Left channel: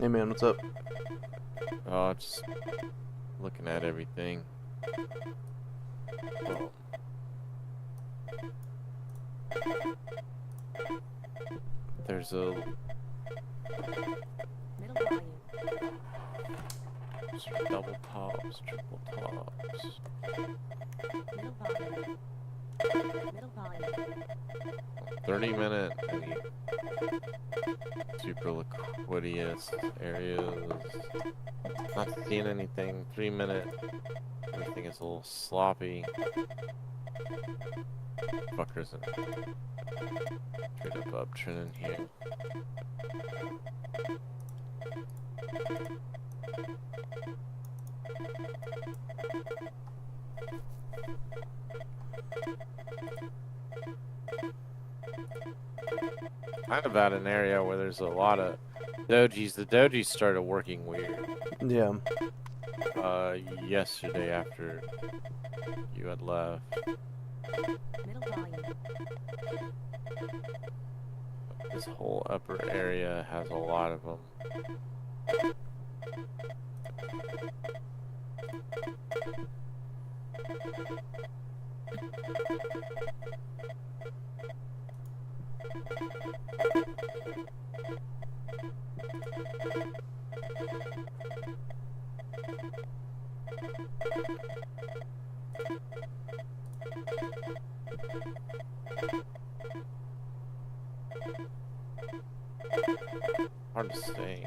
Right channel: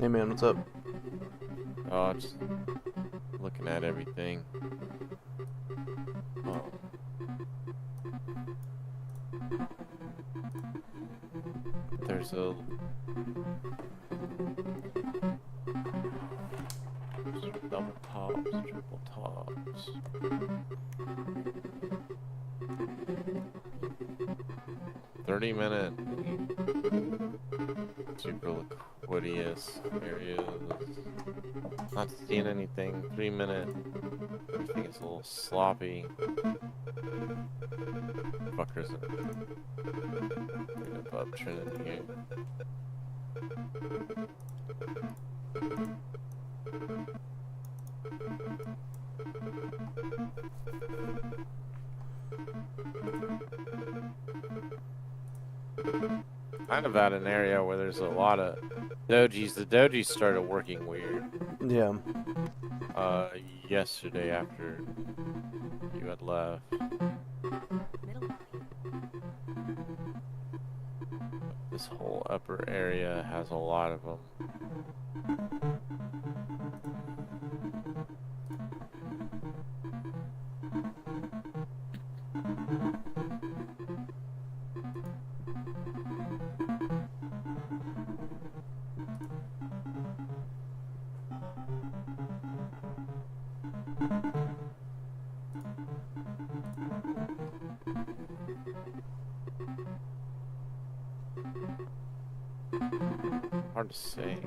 Hey man, what's up? Oh, just looking at everything. Oh, there's a double tops, triple tops. 30-minute super liquidious areas. Not seeing anything. 3-minute. Everything is a little sloppy. Fuckers are straight up uptrending here. Kind of at an area where there's a lot of dojis. The dojis started working weird. Yeah. Yesterday after you had left. This whole upper area has a lot of them. Hard to say.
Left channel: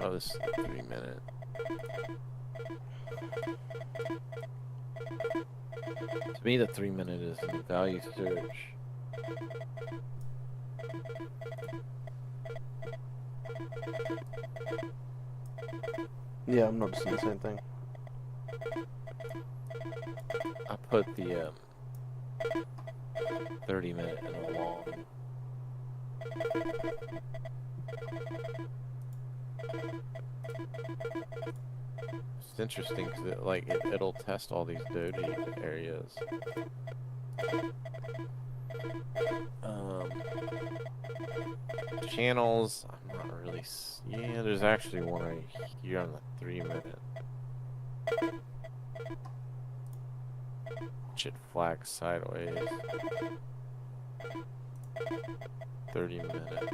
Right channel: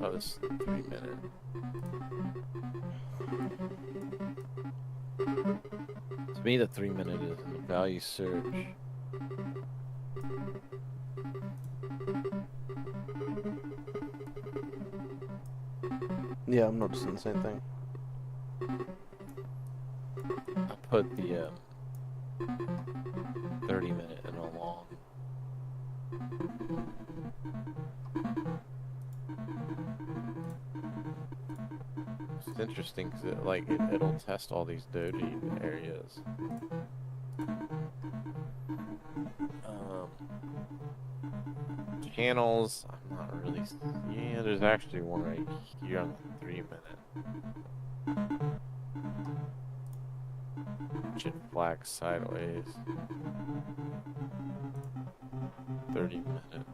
Oh, this is 3-minute. To me, the 3-minute is the value surge. Yeah, I'm noticing the same thing. I put the 30-minute in a long. It's interesting because it'll test all these doji areas. Channels, I'm not really. Yeah, there's actually one right here on the 3-minute. Should flag sideways. 30-minute.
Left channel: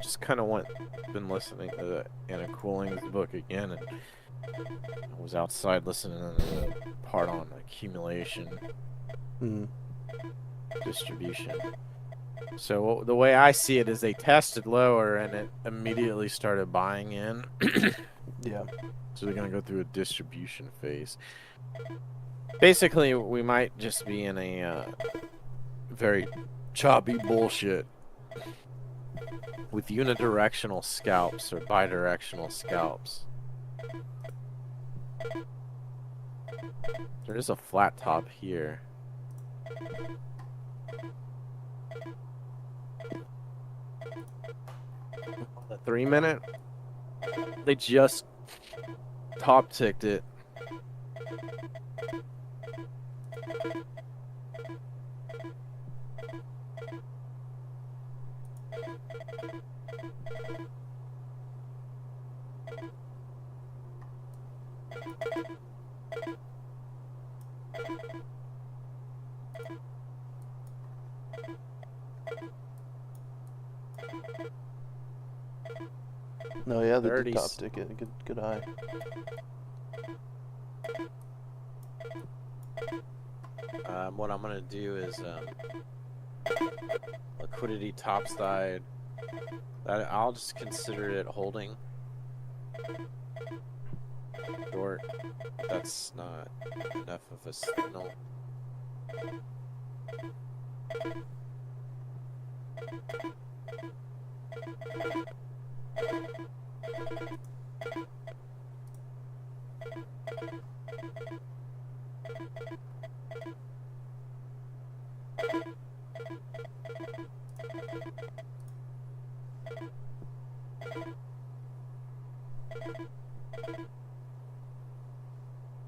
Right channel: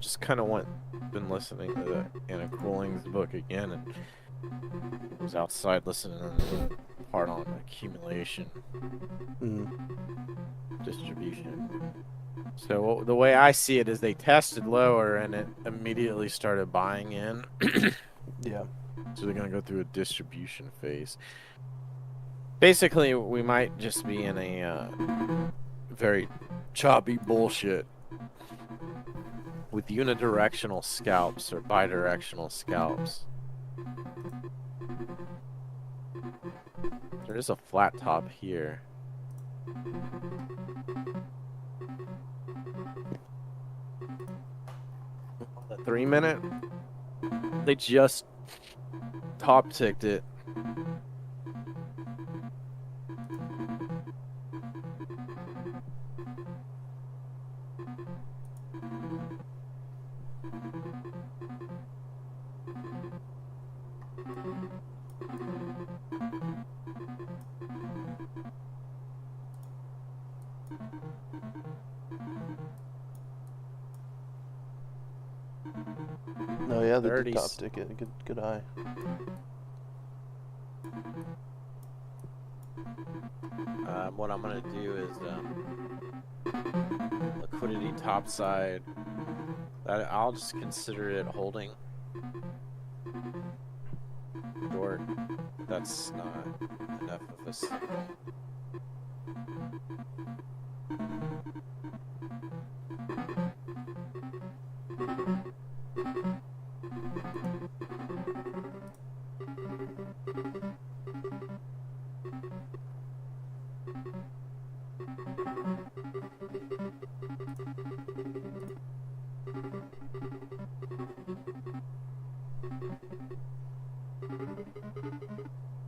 Just kind of been listening to the Anna Cooling's book again, and was outside listening to the part on accumulation, distribution. So the way I see it is they tested lower and it immediately started buying in. Yeah. So they're gonna go through a distribution phase. Basically, we might just be in a very choppy bullshit with unidirectional scalps or bidirectional scalps. There is a flat top here. The 3-minute, they just top ticked it. No, yeah, they did 30s. top ticket. Good eye. What I'm gonna do is liquidity topside. That I'll just consider it holding. Short. That's not enough of a signal.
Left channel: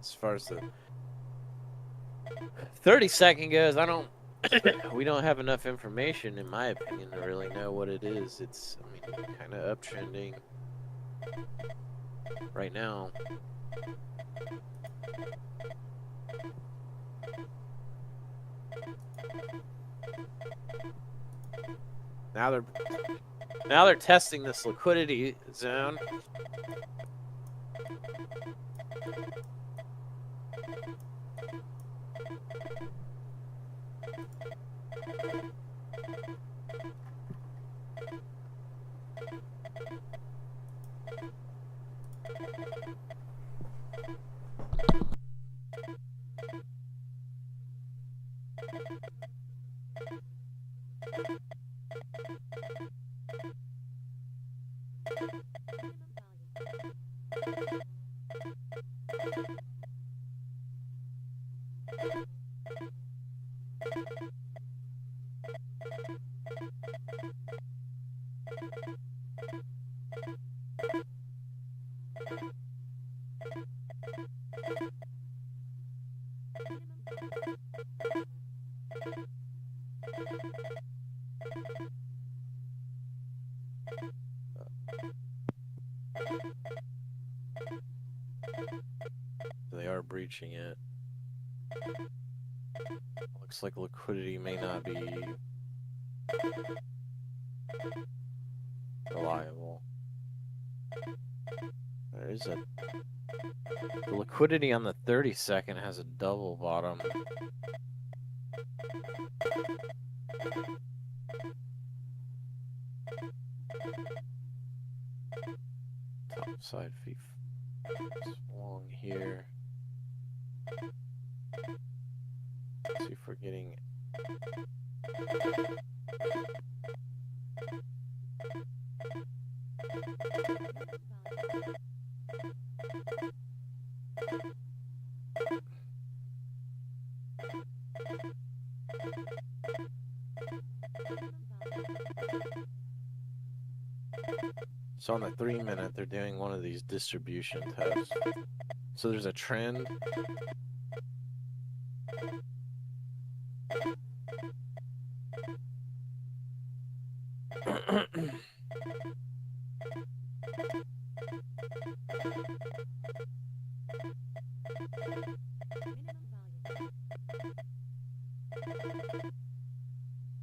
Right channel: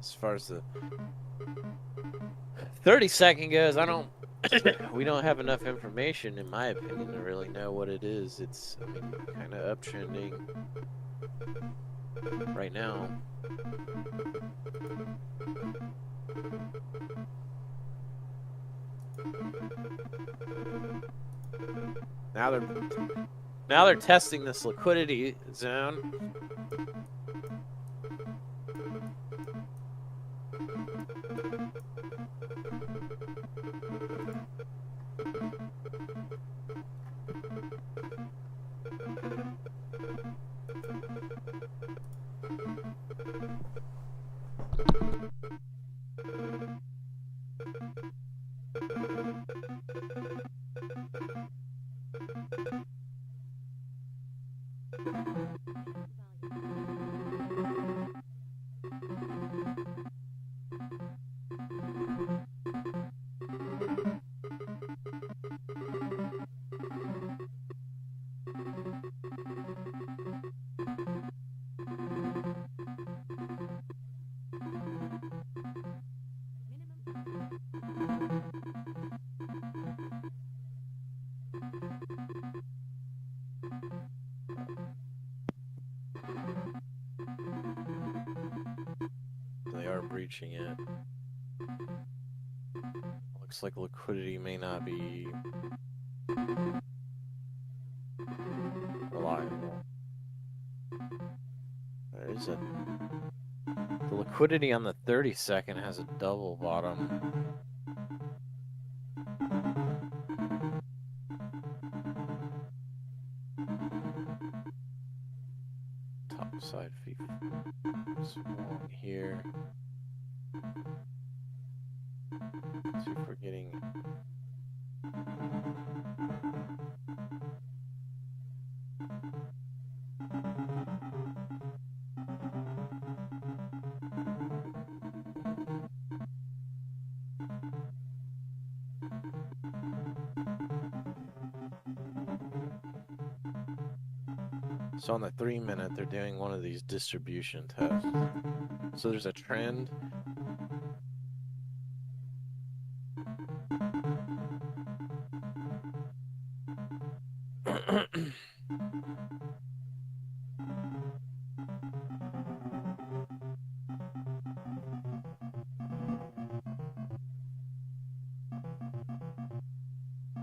as far as the 30-second goes, I don't. We don't have enough information, in my opinion, to really know what it is. It's, I mean, kind of uptrending right now. Now they're testing this liquidity zone. They are breaching it. Looks like liquidity may not be reliable. There is the liquidity on the 30-second has a double bottom. Top side fee swung here. Let's see if we're getting. So on the 3-minute, they're doing one of these distribution tests. So there's a trend.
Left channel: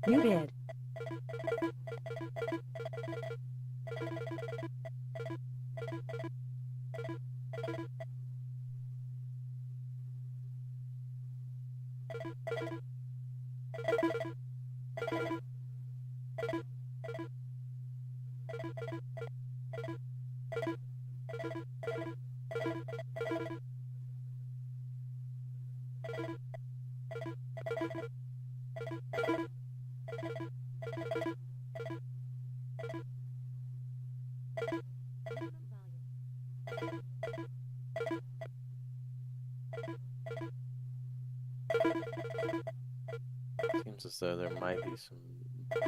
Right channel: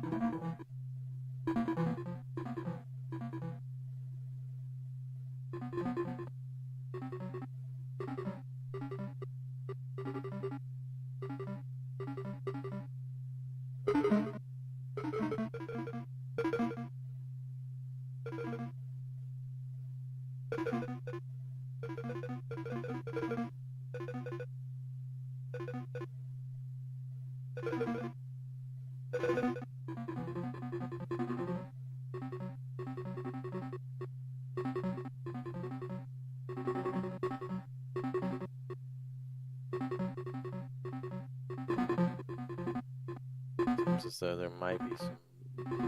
Muted. Seems as though there might be some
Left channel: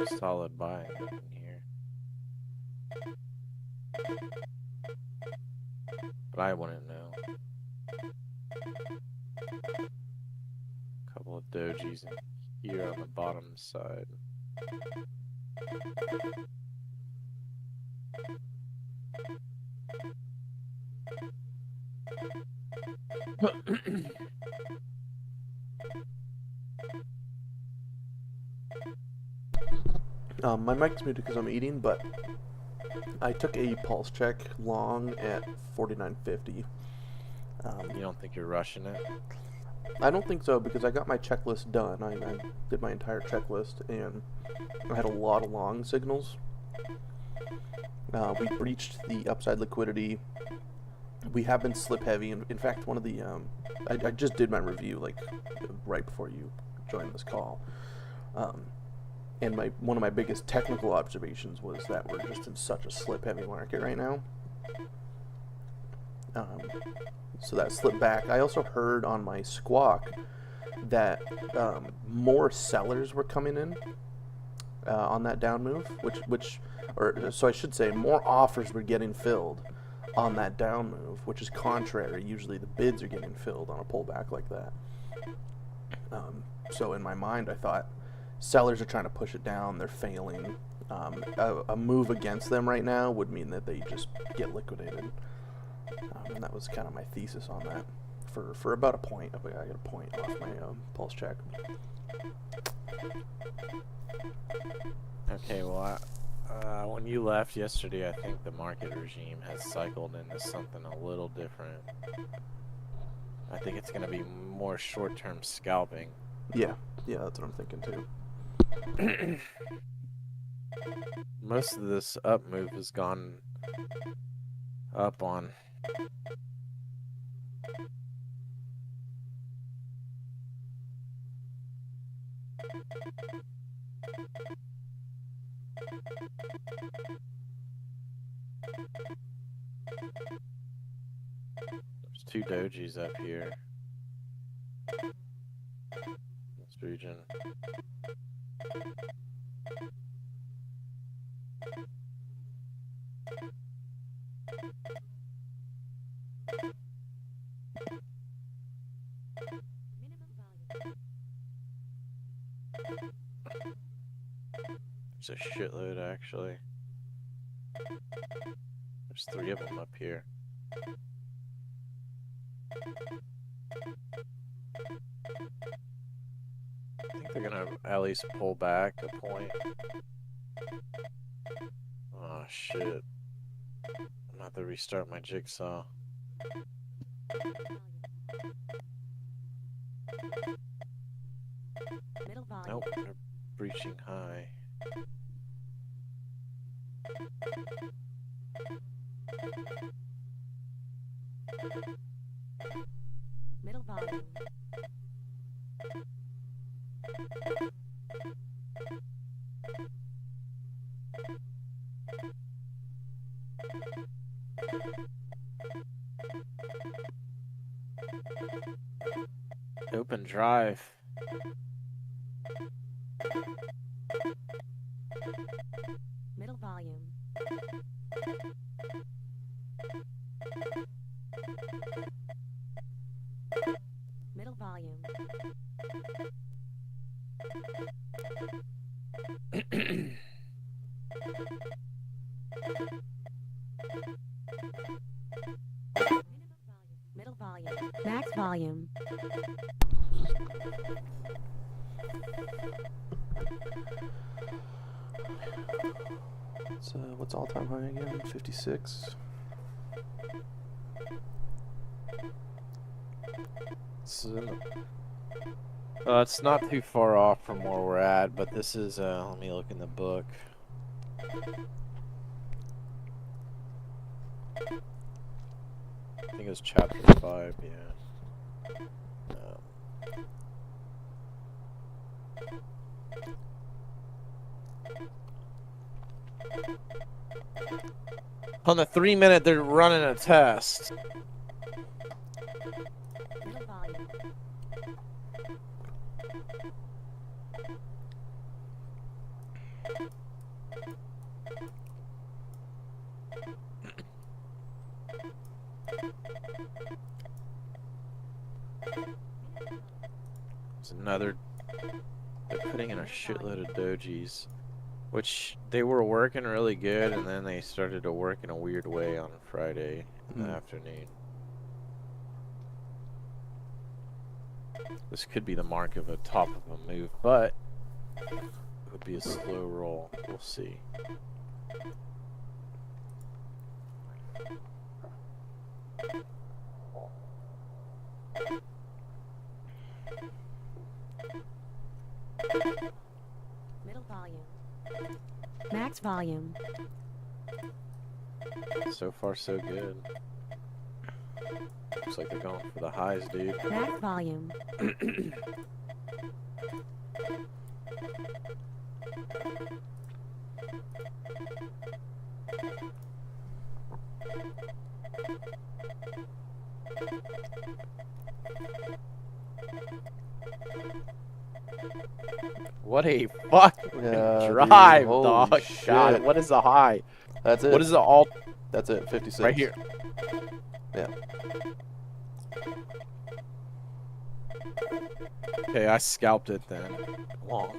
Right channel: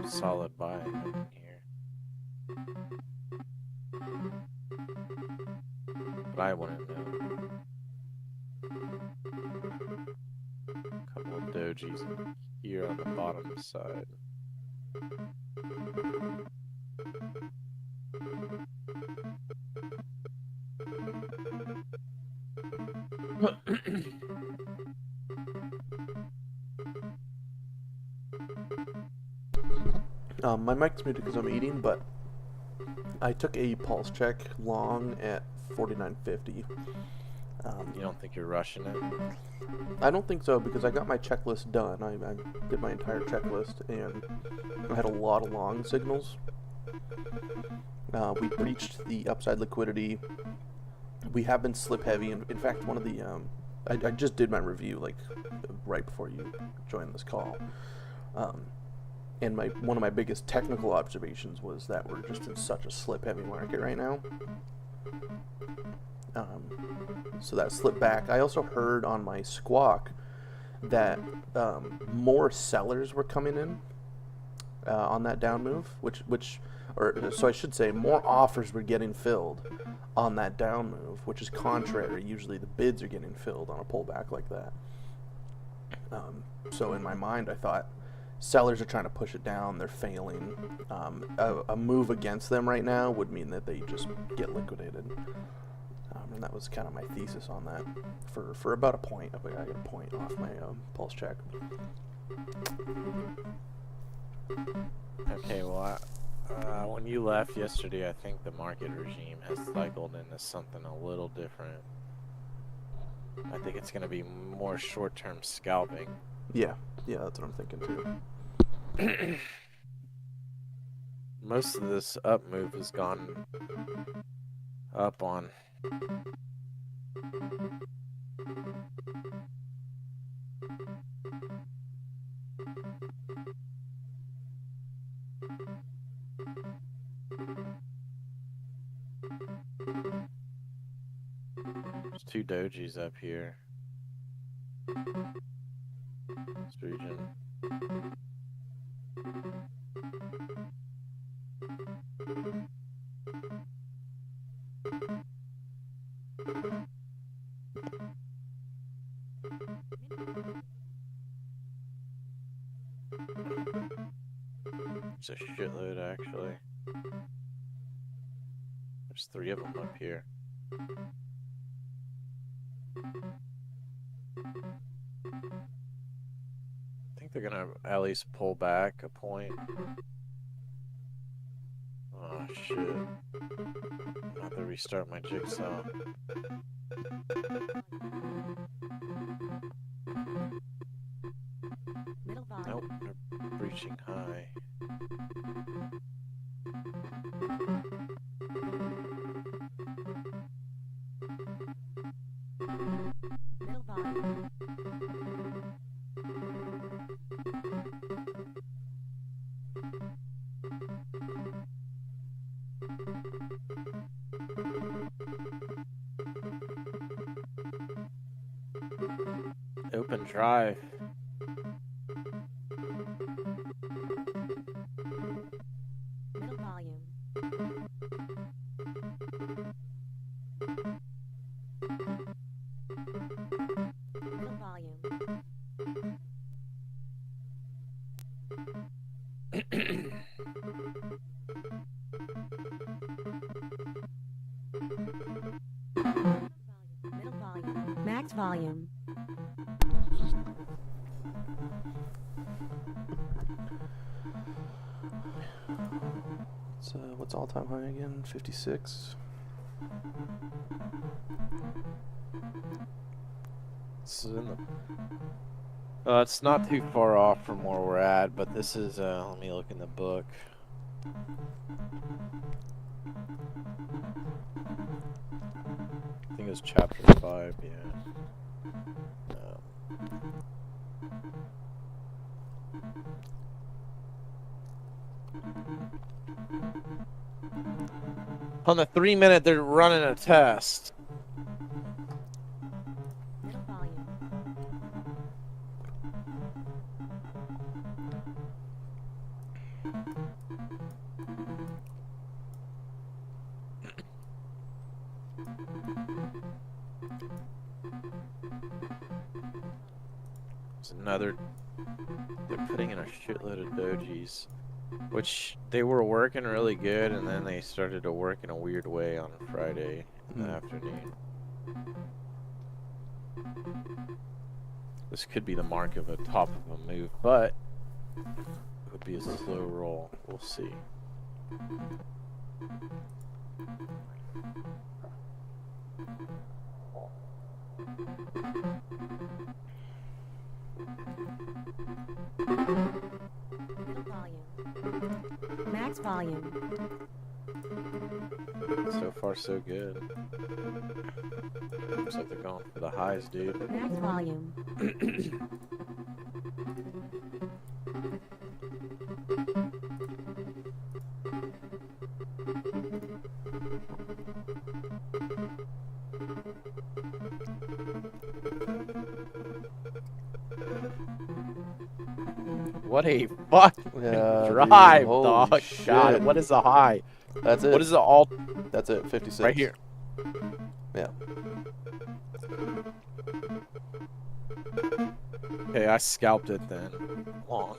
solid buying up in here. But I wouldn't know. A couple of dojis here on the bottom side. My mic's muted because I'm eating, but I took a pulse check long at 49.50. You don't think you're rushing it? I don't think so, because I got my checklist done. I did my entire checklist, and I had a lot of long signals. We breached the upside liquidity. We have been slip heavy. In fact, one of the I just did my review like right before you joined this call. And one of my biggest technical observations was that we're just in such a slip-heavy market right now. So that slipped back. I also heard on my squawk that more sellers were coming in on that down move, so I should say more offers were getting filled on that down move, which is contrary. Usually the bids are getting filled on a pullback like that. So in my mind, I thought sellers are trying to push it down. They're failing. A move against them right now would mean that they just get liquidated. And that was kind of my thesis on that for about a point. I got a point off my pulse check. Okay, well, when you left yesterday, I think the market regime has cycled into something a little different. I think it's going to be more short-term scalping. Yeah, that's what I'm thinking too. Most of this up move has gone up on. There's 2 dojis up here. This region. There's a shitload actually. There's 3 of them up here. I think they're gonna at least pull back a point. Oh shit. I'm gonna have to restart my jigsaw. Nope, they're breaching high. Middle volume. Open drive. Middle volume. Middle volume. Middle volume. Max volume. What's all-time high again? 56. It's not too far off from where we're at, but this is, let me look in the book. I think it was chapter 5, yeah. On the 3-minute, they're running a test. Middle volume. There's another. They're putting in a shitload of dojis, which they were working really good, and then they started to work in a weird way on Friday in the afternoon. This could be the mark of a top of a move, but it would be a slow roll. We'll see. Middle volume. Max volume. So far, so good. Looks like they're going for the highs, dude. Max volume. What a fucking Yeah, drive, dude. Holy dog. shit. God, what is the high? That's it. What is the alt? That's it. 56. Right here. Yeah. Okay, I scalped it then. Long.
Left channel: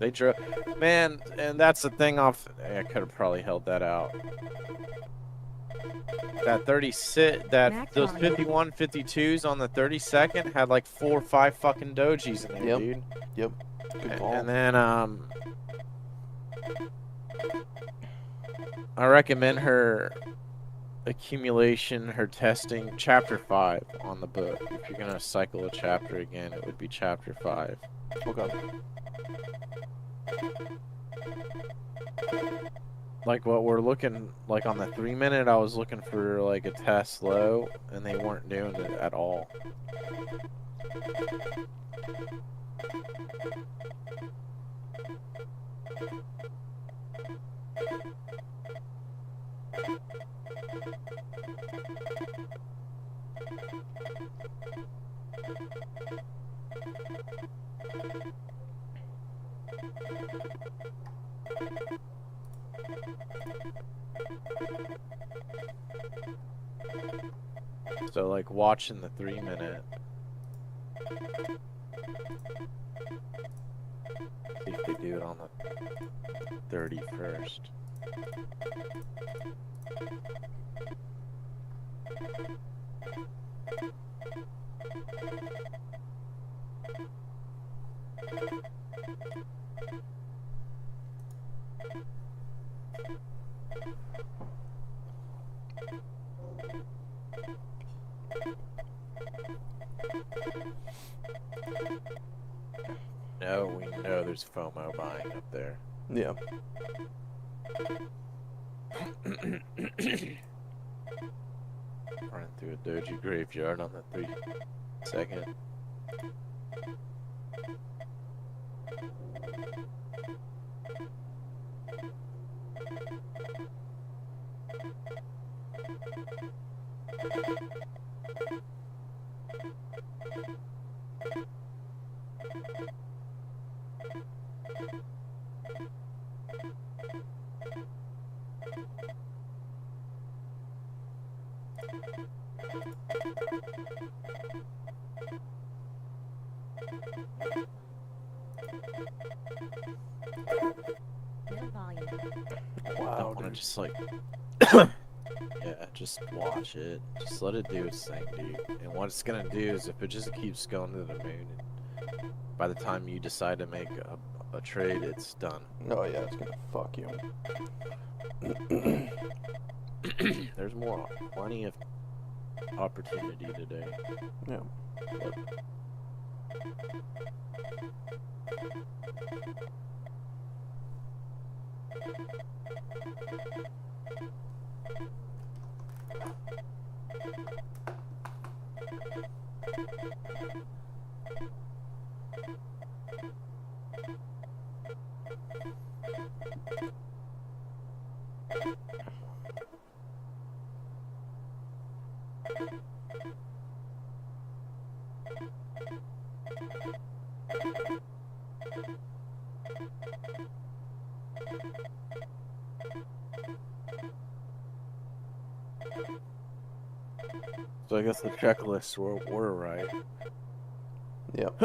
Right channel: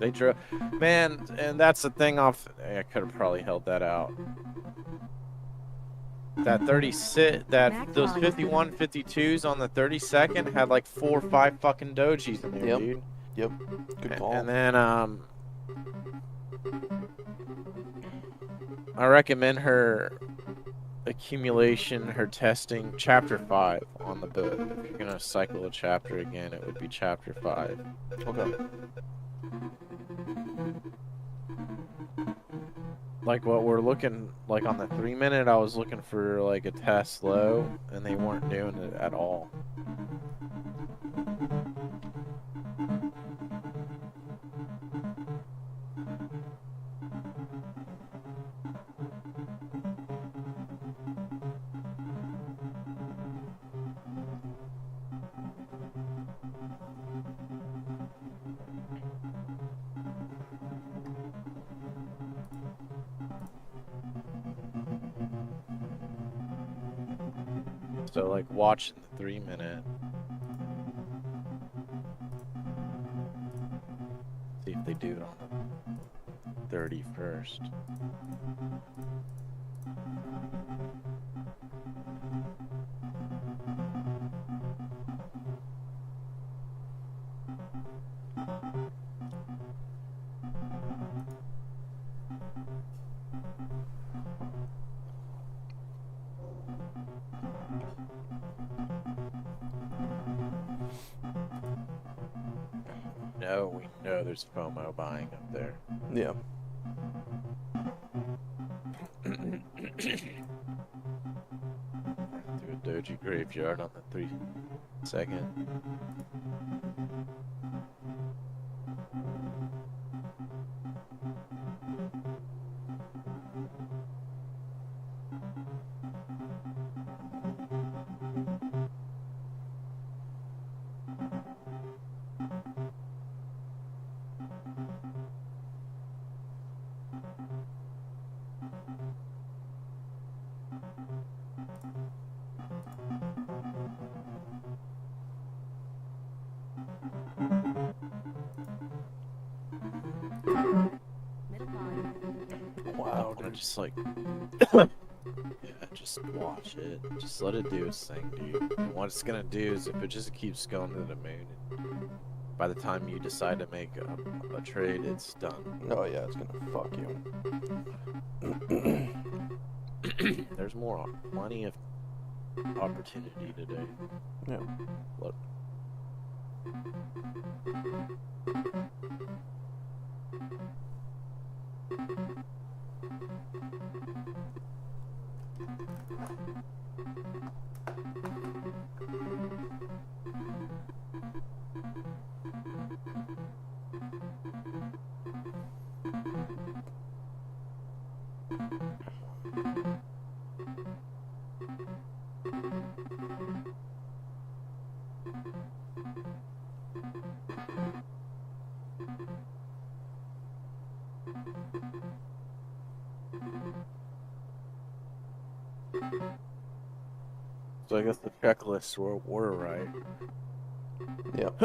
They drove, man, and that's the thing off. I could have probably held that out. That 30 sit, Max those volume. 51, 52s on the 32nd had like 4 or 5 fucking dojis in there, Yep. dude. Yep. Good call. And then I recommend her accumulation, her testing, chapter 5 on the book. If you're gonna cycle a chapter again, it would be chapter 5. Okay. Like what we're looking like on the 3-minute, I was looking for like a test low, and they weren't doing it at all. So like watching the 3-minute. See if they do it on the 31st. No, we know there's FOMO buying up there. Yeah. Run through a doji graveyard on the 3-second. Middle volume. I Wow, want to dude. just like, yeah, just watch it. Just let it do its thing, dude. And what it's gonna do is if it just keeps going to the moon, and by the time you decide to make a trade, it's done. Oh yeah, it's gonna fuck you. There's plenty of opportunity today. Yeah. Look. So I guess the checklists were right. Yep.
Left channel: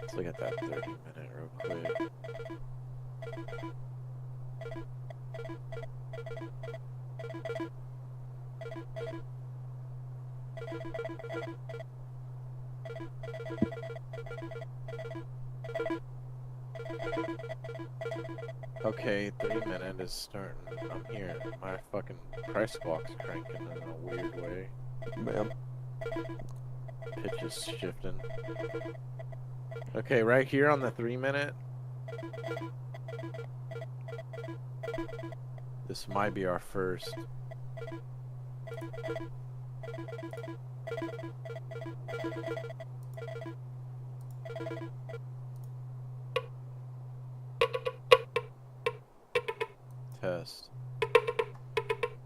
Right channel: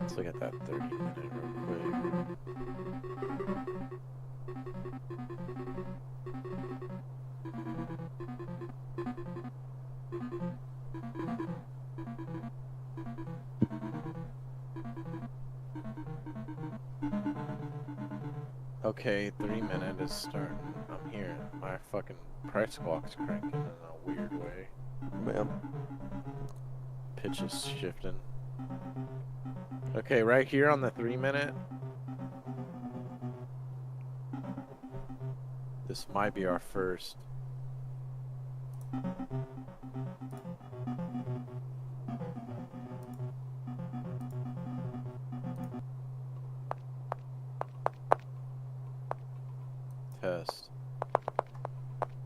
Let's look at that 30-minute real quick. Okay, 3-minute is starting. I'm here. My fucking price clock's cranking in a weird way. Yep. Pitch is shifting. Okay, right here on the 3-minute. This might be our first test.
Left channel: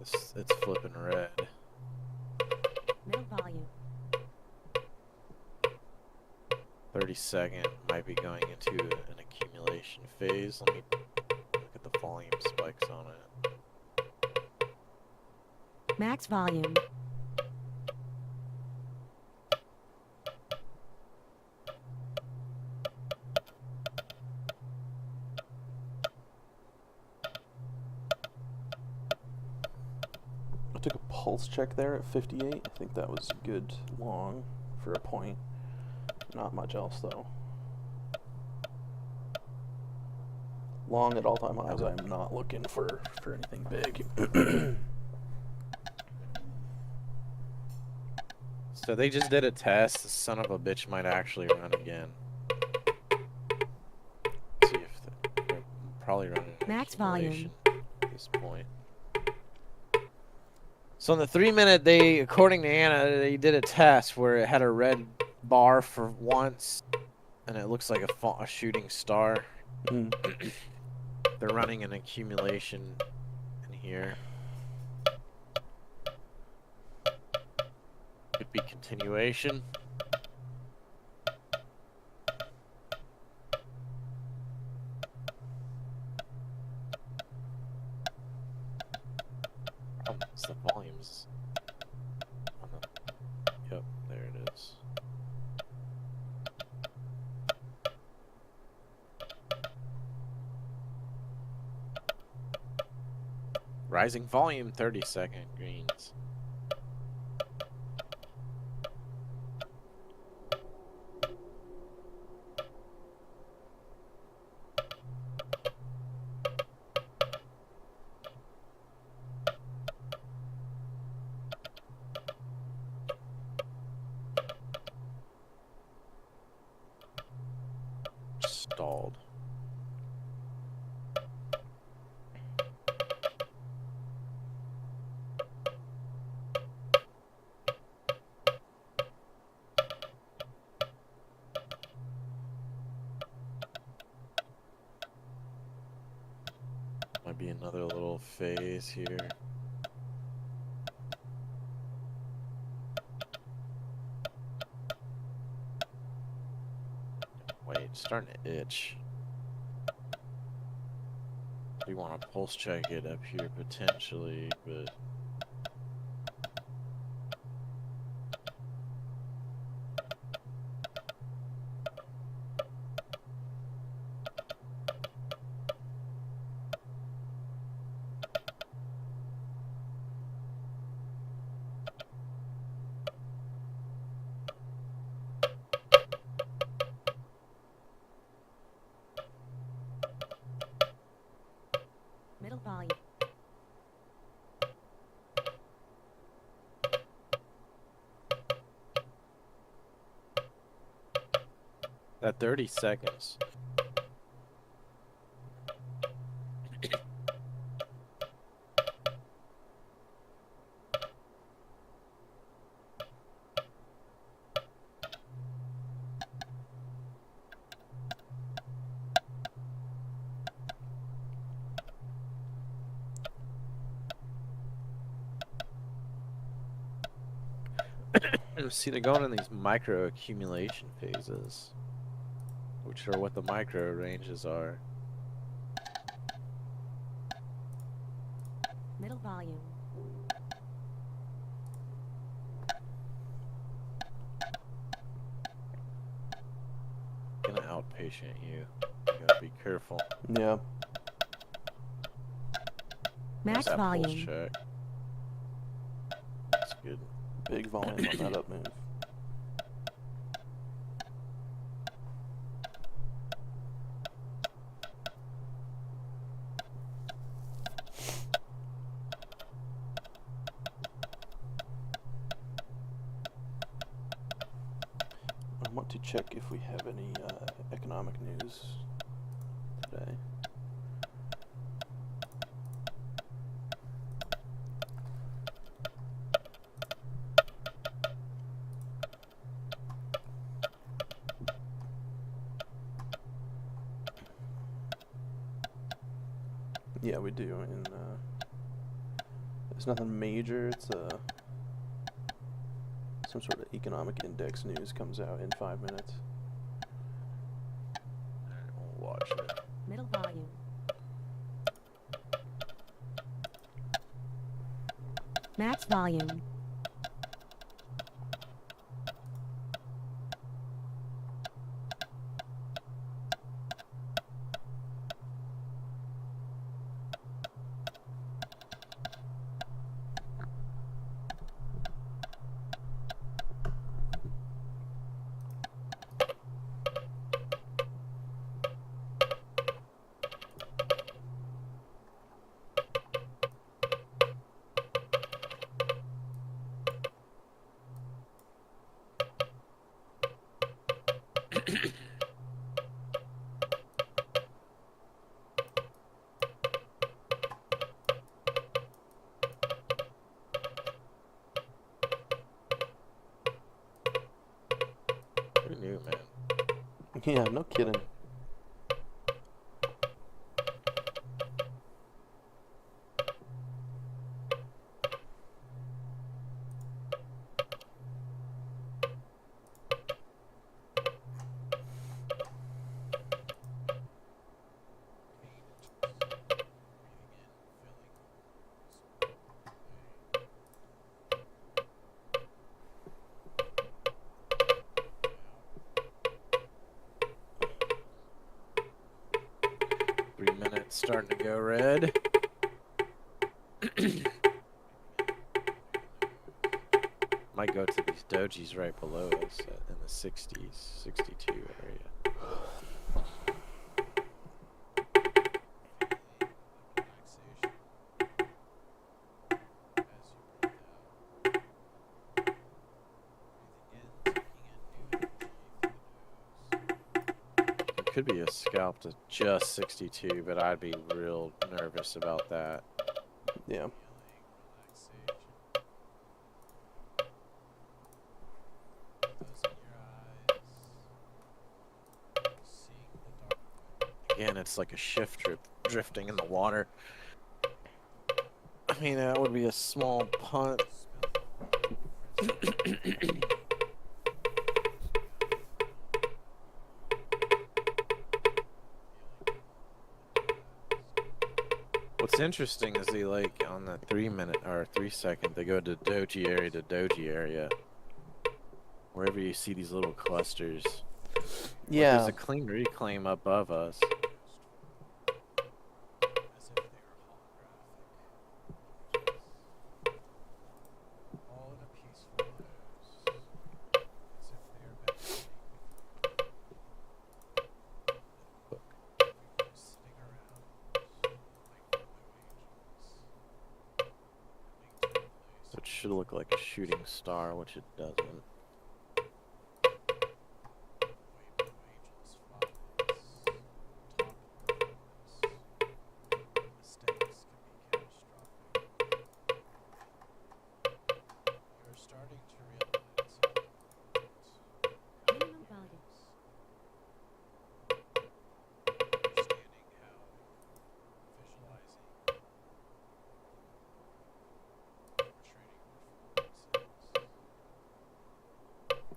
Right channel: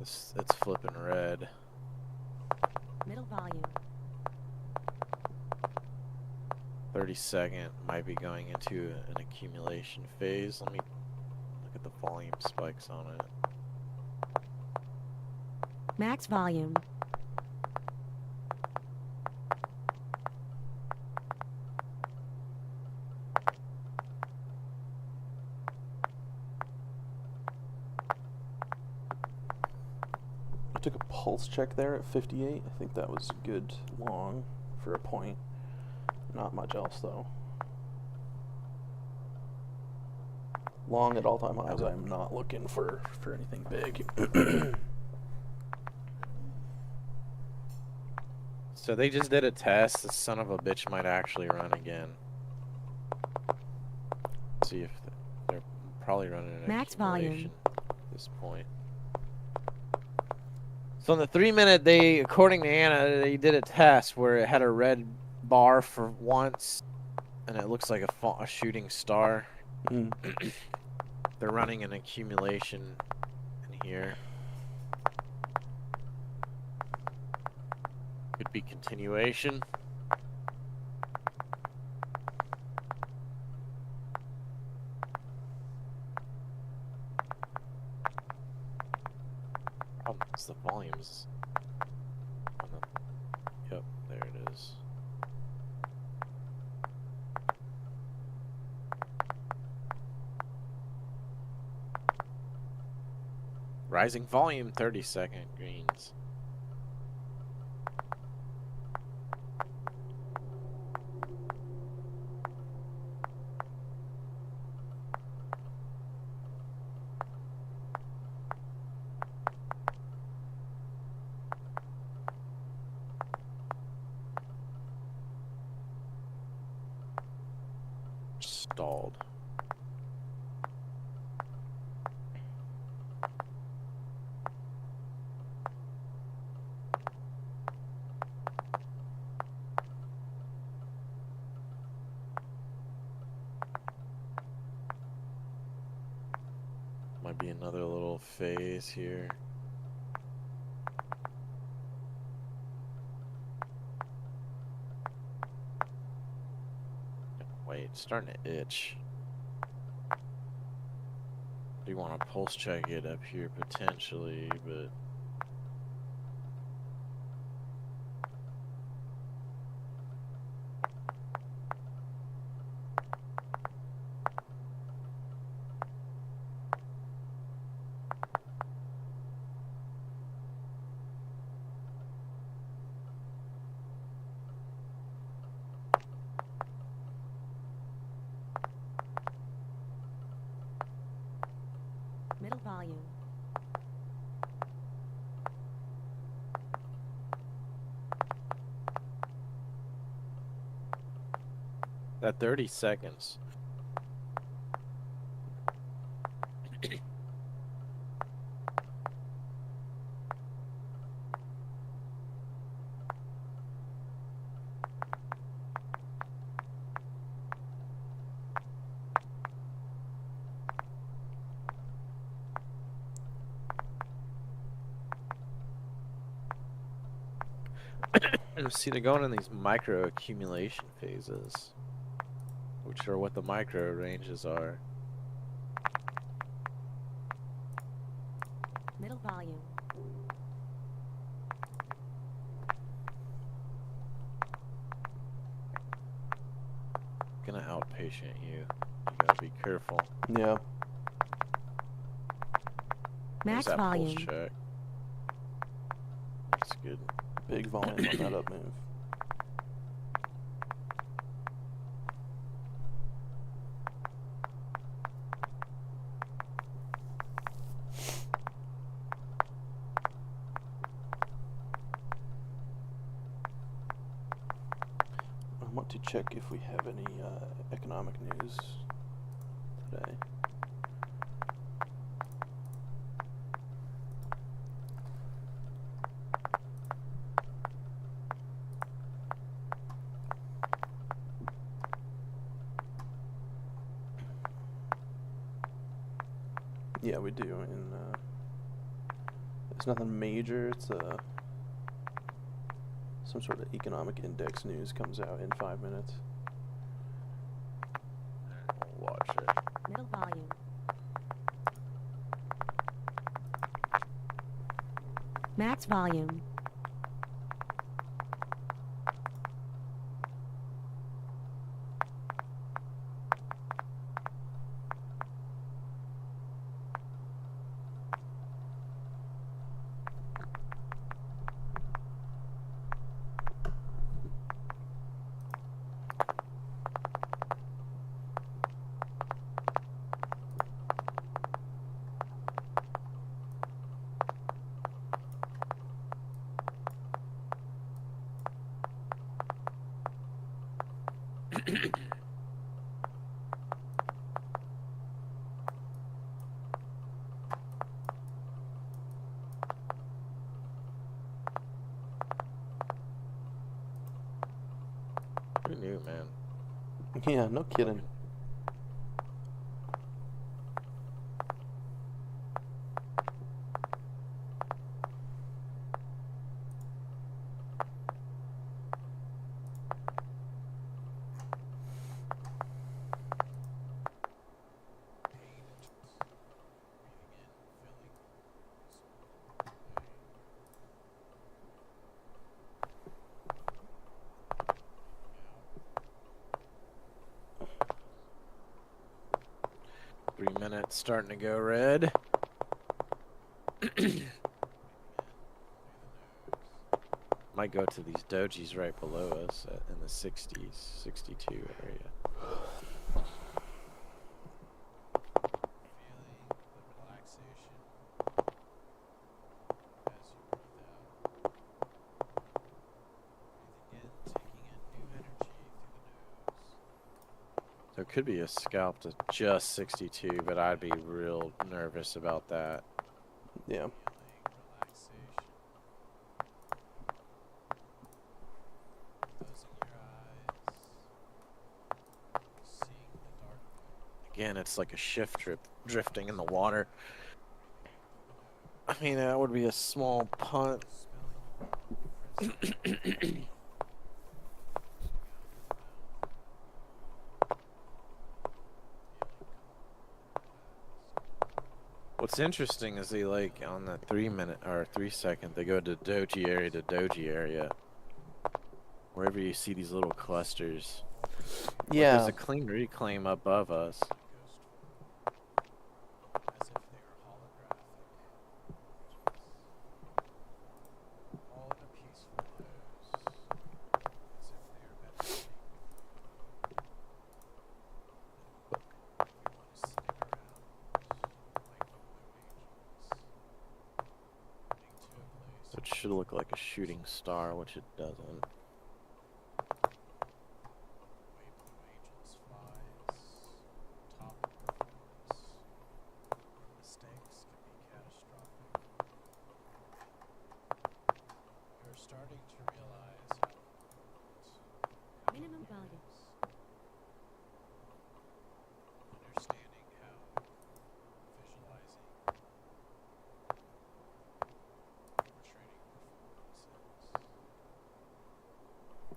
It's flipping red. Middle volume. 32nd might be going into an accumulation phase. Let me look at the volume spikes on it. Max volume. I took a pulse check there at 58. I think that was good long for a point. Not much else though. Long at all-time highs. I'm not looking for anything big. So they just did a test. The son of a bitch might actually run again. See if they're probably running an Max volume. accumulation at this point. So in the 3-minute, they, according to Anna, they did a test where it had a red bar for once, and it looks like a shooting star. Mm. They're running an accumulation in here. Could be continuation. It's the volumes. Yep, there it is. Rising volume, 30-second greens. Stalled. Might be another little phase here. Wait, it's starting to itch. Do you want to pulse check it up here potentially, but Middle volume. that 30 seconds. See, they're going in these micro accumulation phases, which are what the micro ranges are. Middle volume. Gonna outpatient you. You gotta be careful. Yeah. Max There's that pulse volume. check. That's good. Big volume on that up move. I want to check if we have any economic news today. Yeah, we do. And it's nothing major. It's some sort of economic index news comes out in 5 minutes. We'll watch it. Middle volume. Max volume. Who knew, man? Yeah, no kidding. Starting to go red. Might go to these dojis right below us in the 60s, 62 area. Could be a scalp to just 62, but I'd be real nervous about that. Yeah. Again, it's like a shift drifting in the water. I mean, that would be a small punt. What's interesting is they like on the 3 minute or 3 second, they go to doji area to doji area. Wherever you see these little clusters. Yeah. Like there's a clean reclaim above us. It should look like a shooting star, which it doesn't. Minimum volume.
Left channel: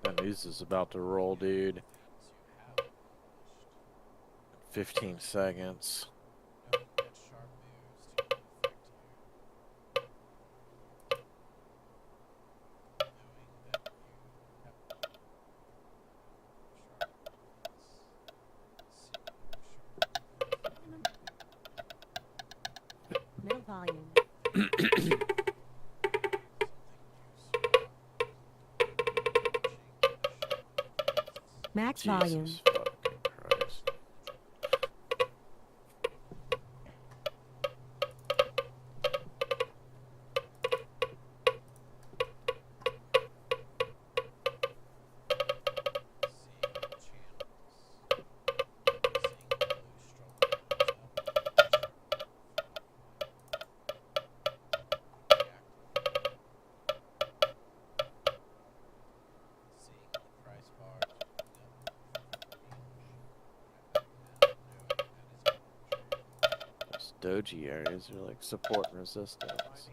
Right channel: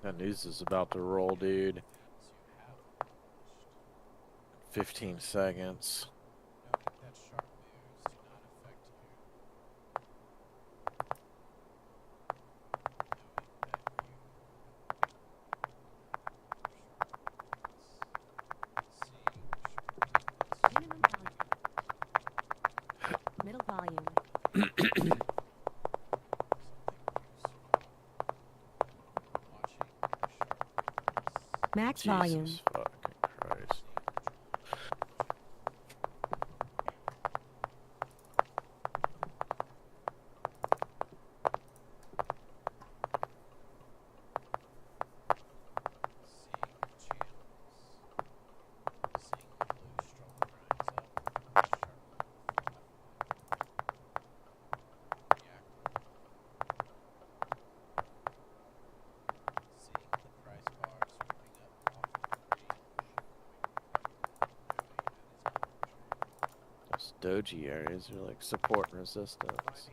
That news is about to roll, dude. 15 seconds. Minimum volume. Middle volume. Max volume. Jesus fucking Christ. doji areas are like support and resistance.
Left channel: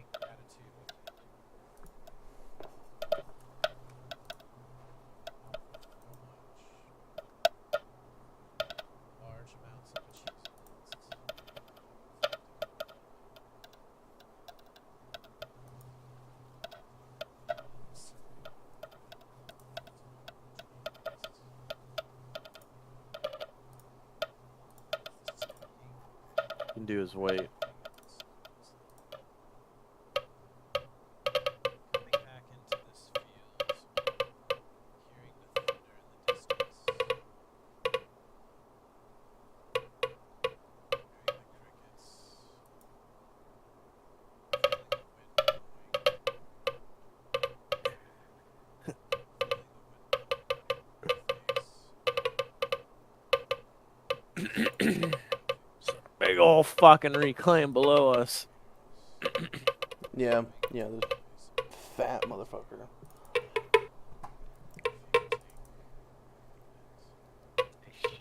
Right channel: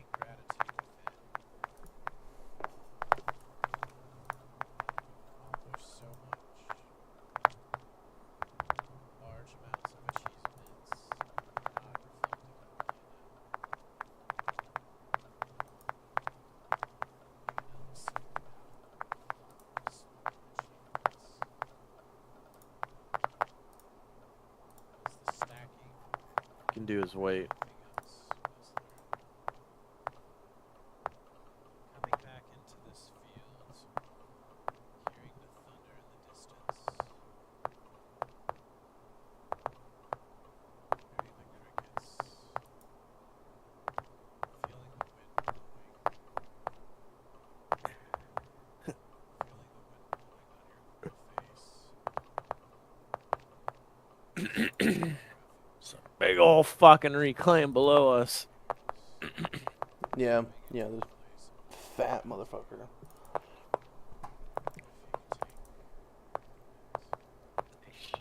Can do is wait. Big ol' fucking reclaim below us. Yeah, the fat motherfucker.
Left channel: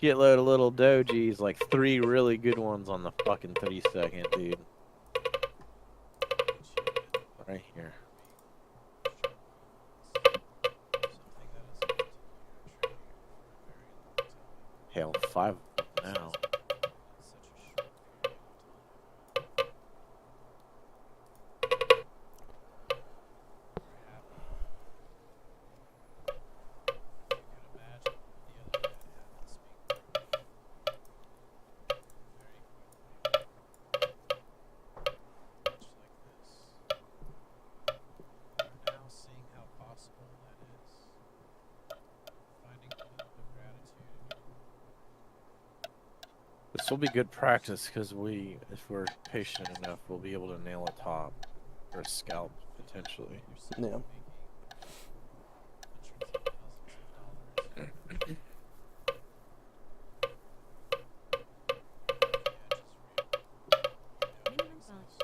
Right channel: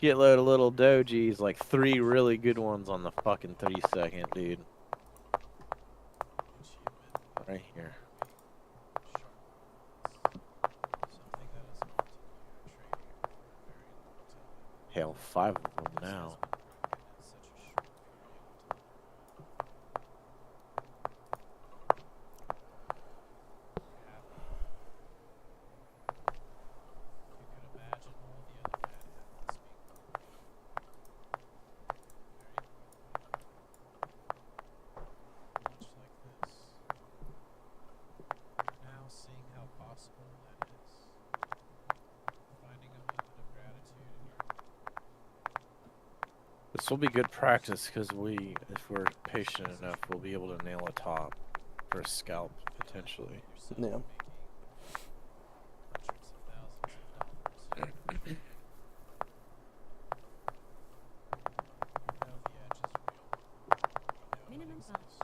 Shitload of little dojis, like 3 really good ones on the fucking 3-second, dude. Right here. Hell, 5 of them now. This will be good practice because if we're patient enough, we'll be able to nail a top for a scalp potentially. Yeah. Minimum volume.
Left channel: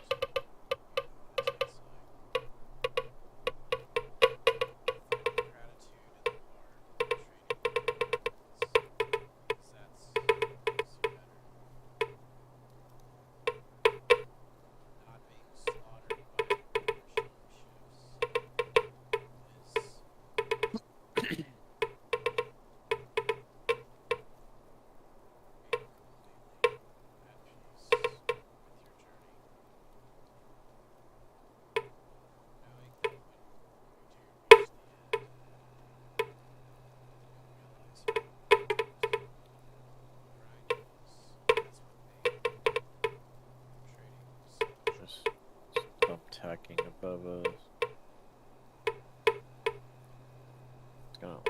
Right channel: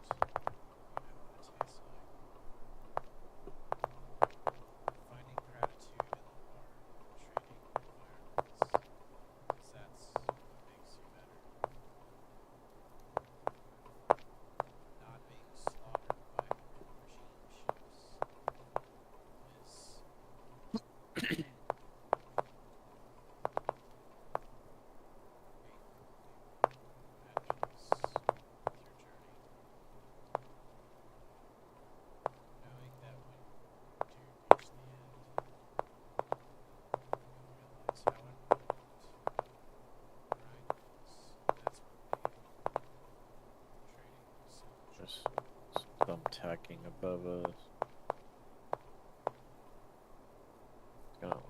Just thumbtacking above us.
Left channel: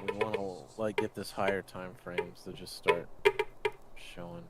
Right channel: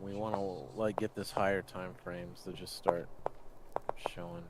We want to like get this higher time frames to just start showing.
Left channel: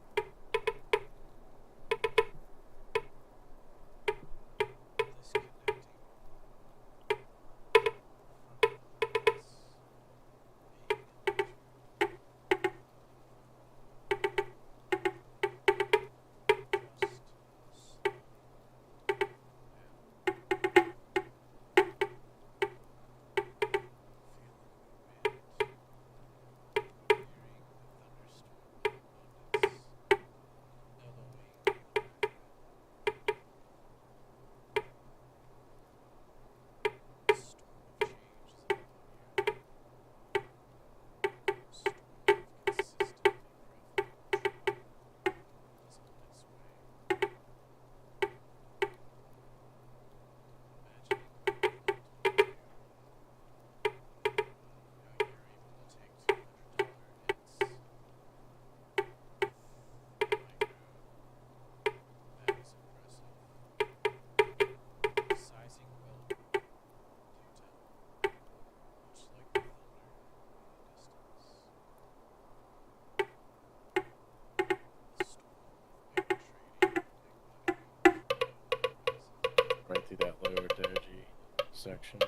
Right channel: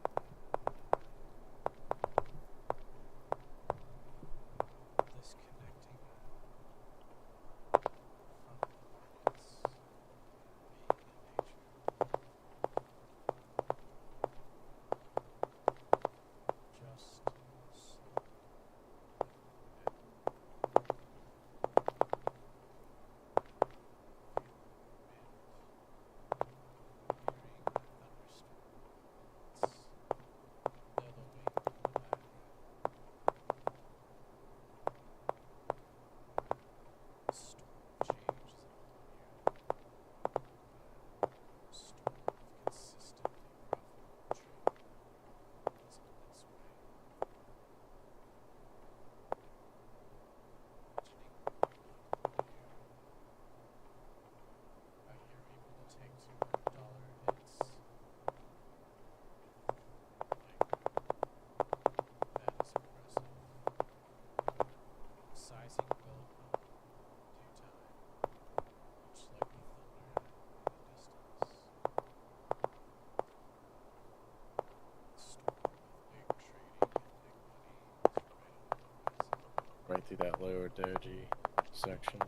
Right through that lower doji section.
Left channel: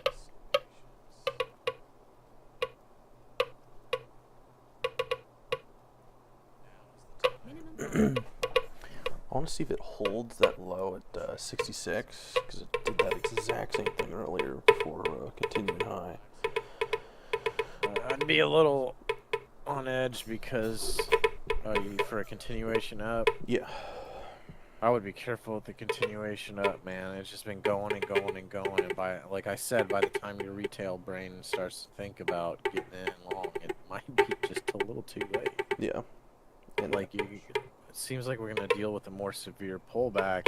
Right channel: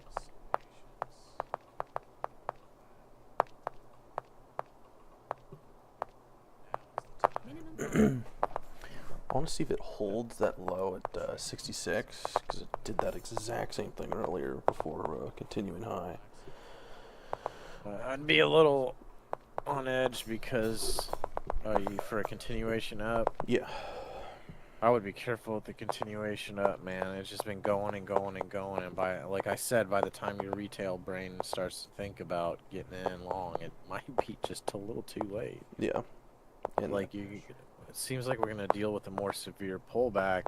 Minimum volume. I want to see if it holds that low at 66, because it did that exact same thing earlier before continuing high. I'd be a little on edge because for a continuation up. Yeah. I would be careful with the continuation up, man. It's just been going and going and going, and by, like I said, by the time your retail brain starts to think about getting in long, it might be just a little too late. Yeah. And Like it seems like we're gonna deal with a more severe pullback.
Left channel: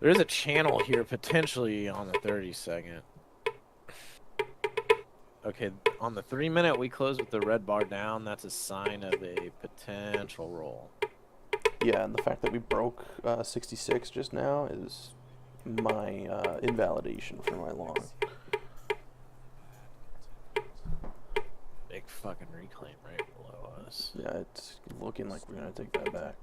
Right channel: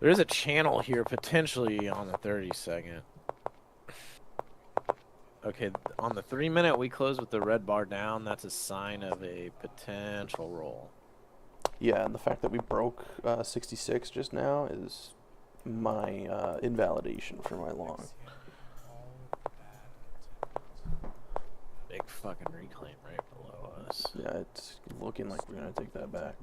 There is a channel here potentially on the 30-second. Okay, on the 3-minute we close with the red bar down. That's a sign of a potential roll. yeah, and the fact that we broke 66 just now is my invalidation for my long. Big fucking reclaim right below us. Yeah, it's looking like we're gonna take that back.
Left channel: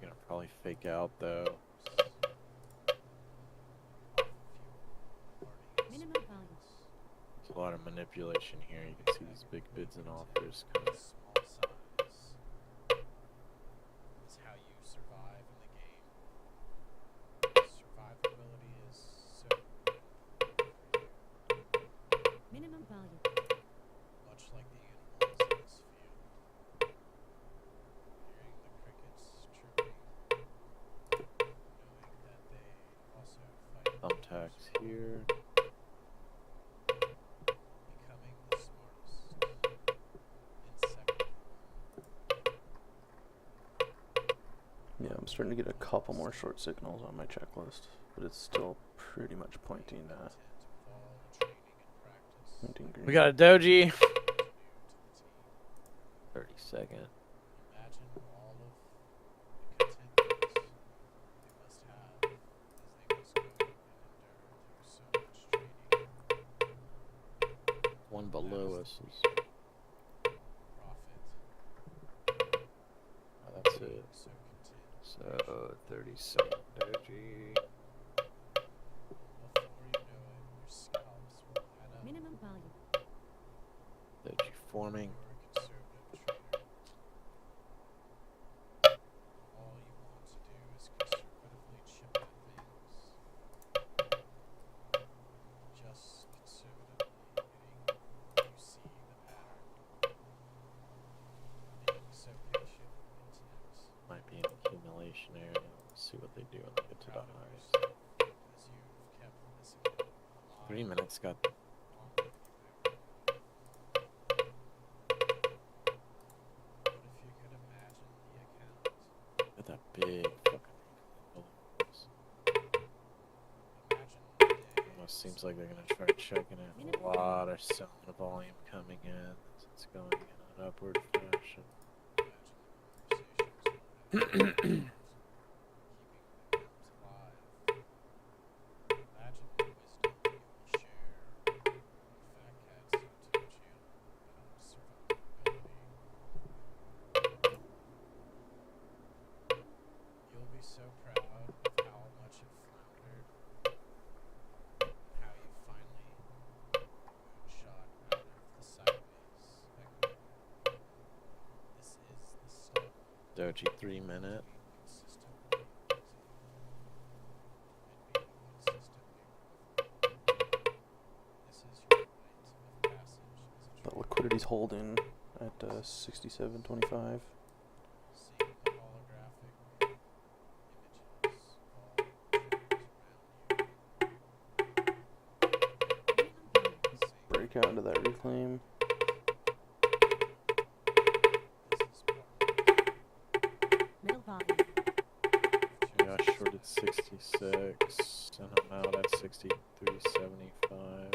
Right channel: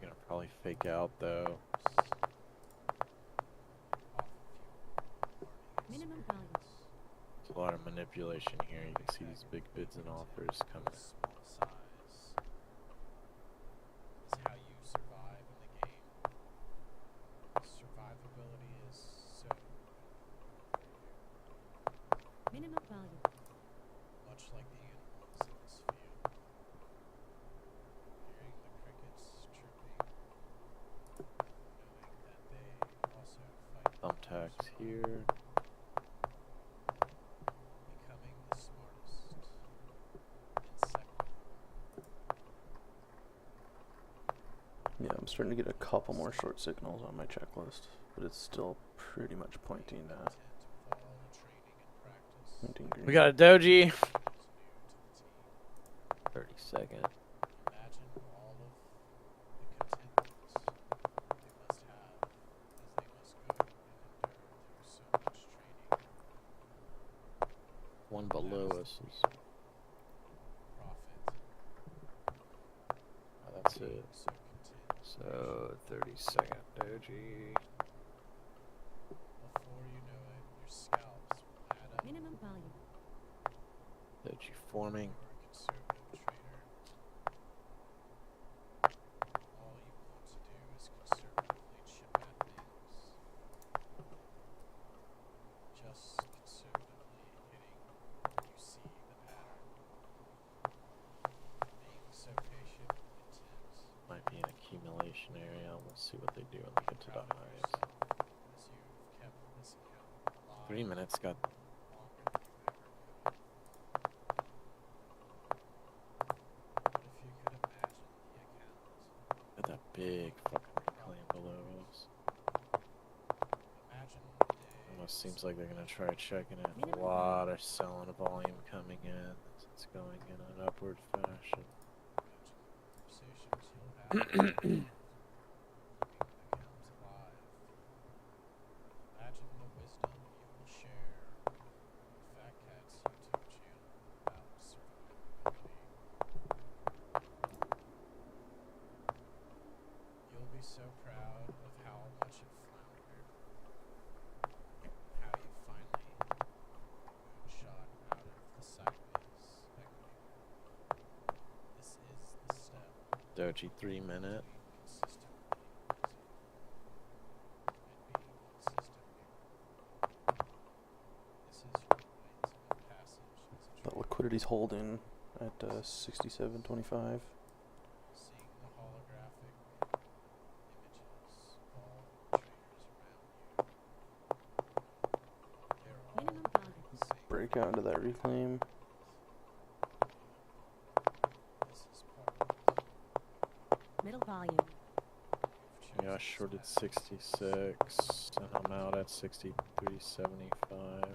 Gonna probably fake out though. Minimum volume. There's a lot of manipulation here. You can see these big bids and offers coming. Minimum volume. Thumbtacks here. Yeah, I'm starting to get a couple more short signals on my checklist, but it's still pretty much pointing green. We got a doji. 30-second. One below us is. Oh, that's it. So 30-second doji. Minimum volume. Doji forming. Might be an accumulation area. Let's see what they do when they get to the highs. 3 minutes got. Got that big fucking reclaim below us. Almost seems like they're gonna try checking it. A lot of selling volume coming in. It's going in an upward fashion. Doji 3 minute. The liquidity's holding at 67.25. Minimum volume. Break out into that reclaim. Middle volume. Yeah, I shorted 66 and I'm out at 63.75.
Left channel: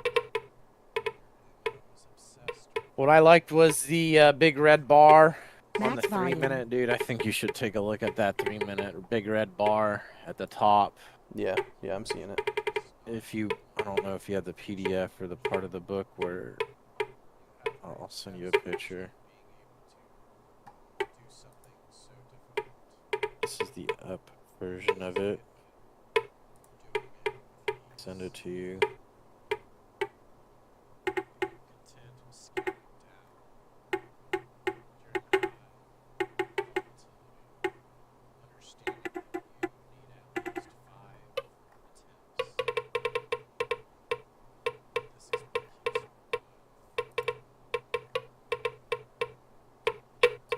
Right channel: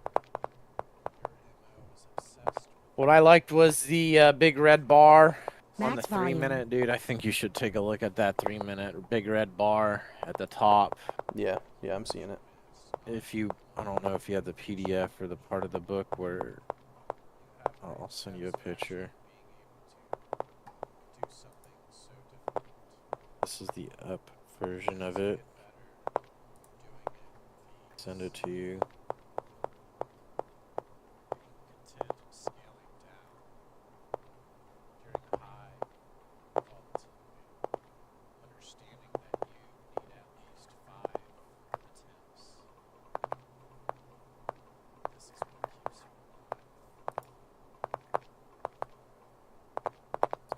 What I liked was the big red bar on the Max 3 volume. minute, dude. I think you should take a look at that 3 minute big red bar at the top. Yeah, I'm seeing it. If you, I don't know if you have the PDF or the part of the book where I'll send you a picture. This is the up version of it. Send it to you.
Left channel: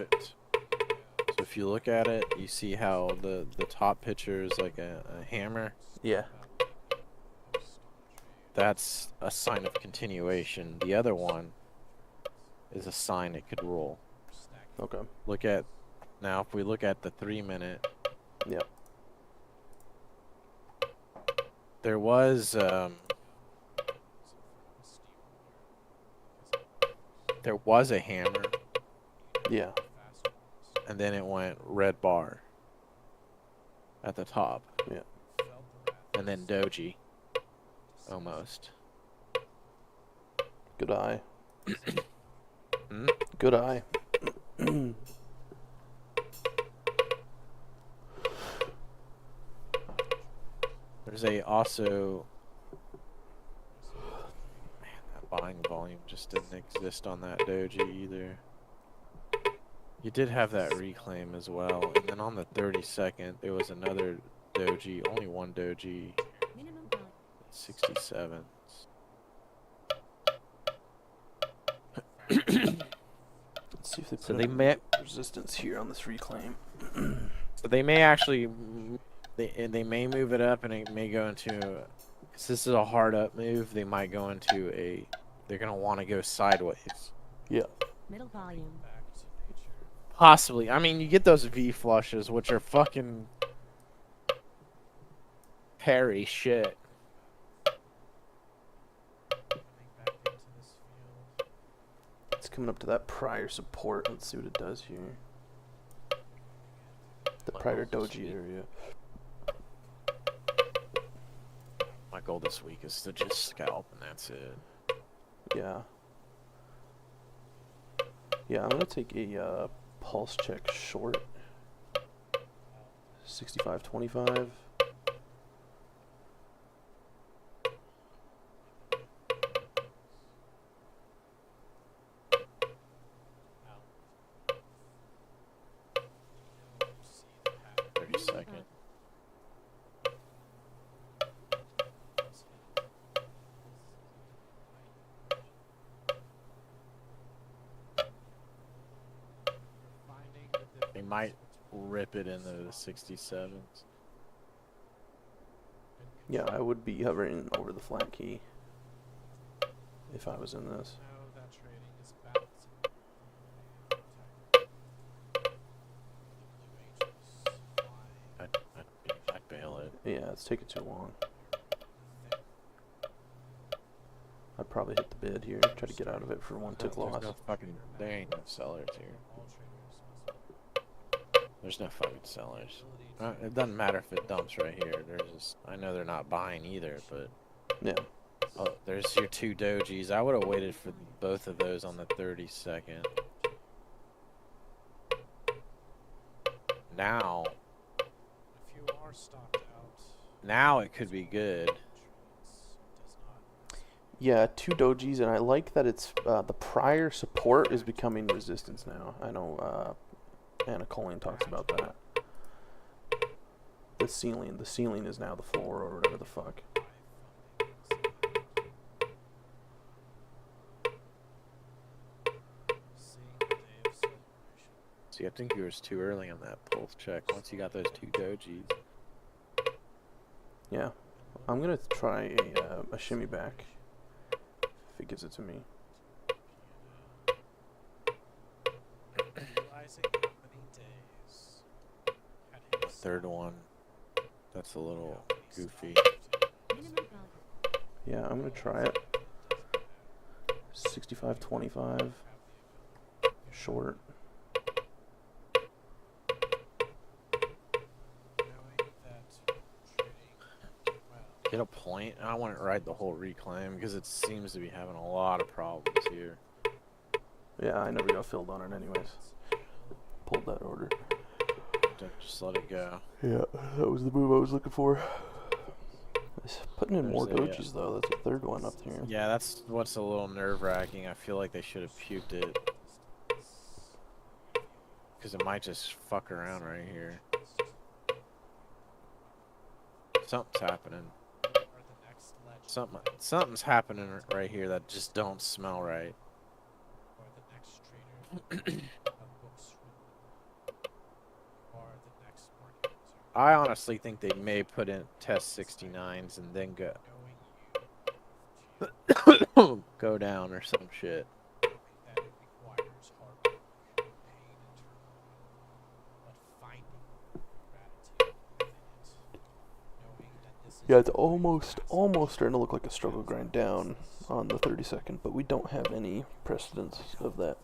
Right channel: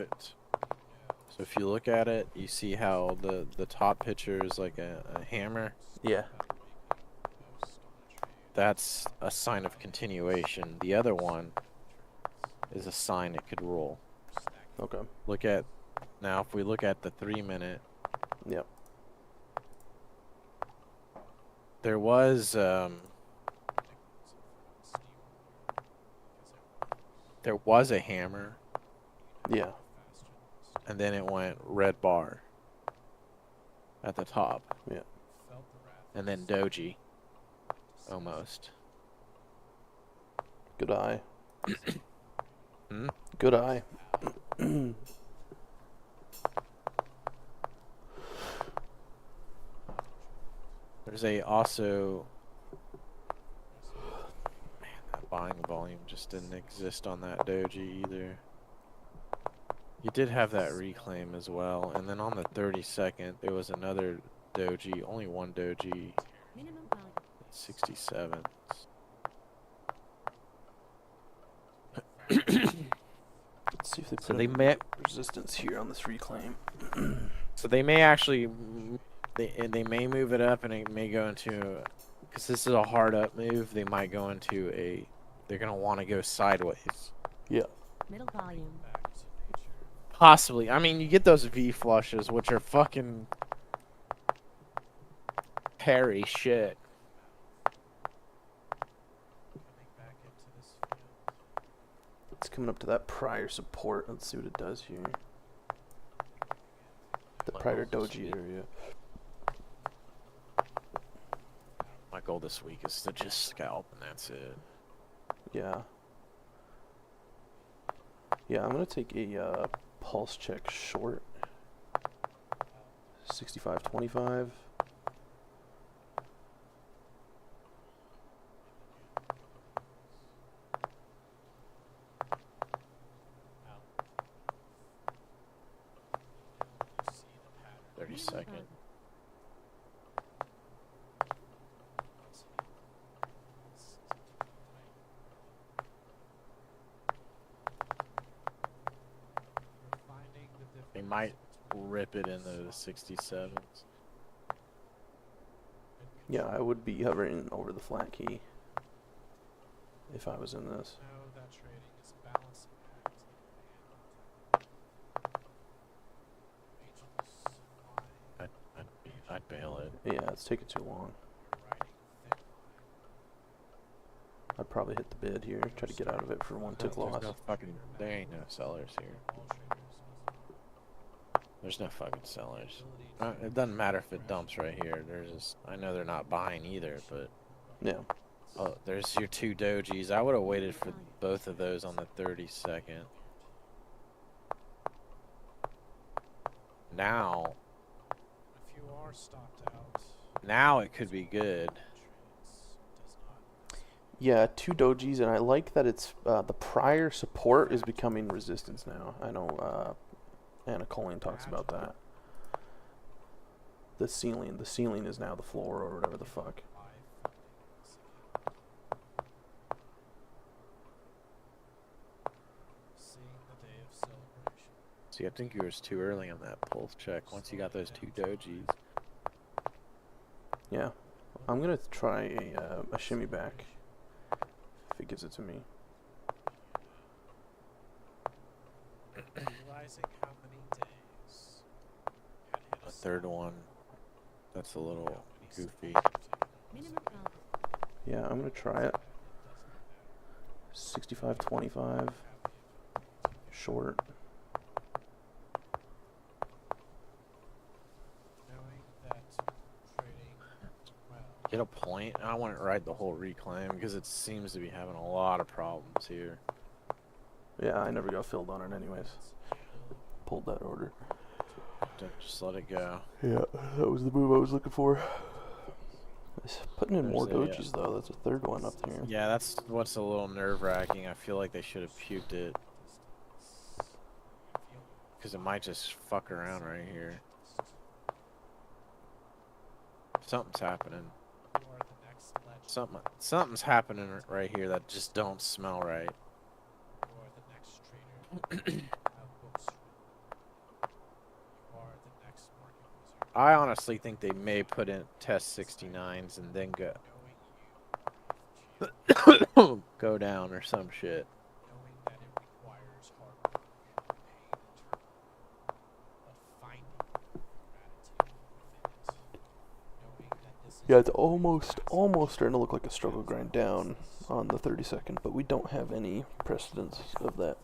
it. So if you look at it, you see how the top picture is like a hammer. Yeah. That's a sign of continuation. The other one is a sign it could roll. Okay. Look at now. If we look at the 3-minute, Yep. there was a hammer, Yeah. and then it went red bar at the top. Yeah. And then doji, almost. Good eye. Hmm? Good eye. There's also. Man, that buying volume just didn't exist on that doji either. You did have that reclaim as well, and then on the 32nd, there was another doji, only one doji, Minimum value. 67. Let's see if they put So they any may, resistance here on this reclaim. so they may actually, they may move it up, and it may go into, because this is a hard up move. They might go into a, they're gonna want to go sideways. Yeah. Middle volume. Possibly. I mean, you get those V flushes, which are fucking hairy shit. It's coming up to that prior support. Let's see what it does here. The prior doji area. My goal this week is to just scalp, and that's it. Yeah. Yeah, I'm gonna take a pulse check short. 65.25. Second. They might rip it into the 67s. Yeah, I would be hovering over the flat key if I was in this. I'd bail it. Yeah, it's taking too long. I'd probably hit the bid here, try to get out of it for one tick loss. There ain't no sellers here. There's no fucking sellers. It doesn't matter if it dumps right here. I know they're not buying either, but Yeah. oh, there's your two dojis. I would have waited for both of those on the 32nd. Now, it could be good. Yeah, two dojis, and I like that it's the prior support is becoming resistance now. I know Anna Colleen talks about that. The ceiling is now the floor or whatever the fuck. See, I think you was too early on that pulse check. Once you got those two dojis. Yeah, I'm gonna try a shimmy back if it gives it to me. The third one, that's a little goofy. Minimum value. Yeah, I'm gonna try it. 65.25 short. Get a point. I want to ride the whole reclaim because it seems to be having a lot of problems here. Yeah, I never got filled on it anyways. Pulled that order. Just let it go. Yeah, that was the move I was looking for. Putting in more There's a, dojis though. That's a third one up here. Yeah, that's what's a little nerve-wracking. I feel like they should have puked it. Because it might just fuck around right here. Something's happening. Something's happening right here that just don't smell right. I honestly think they may put in test 69s and then go down or some shit. Yeah, it's almost starting to look like a struggle grind down on the 32nd, but we don't have any precedence of that.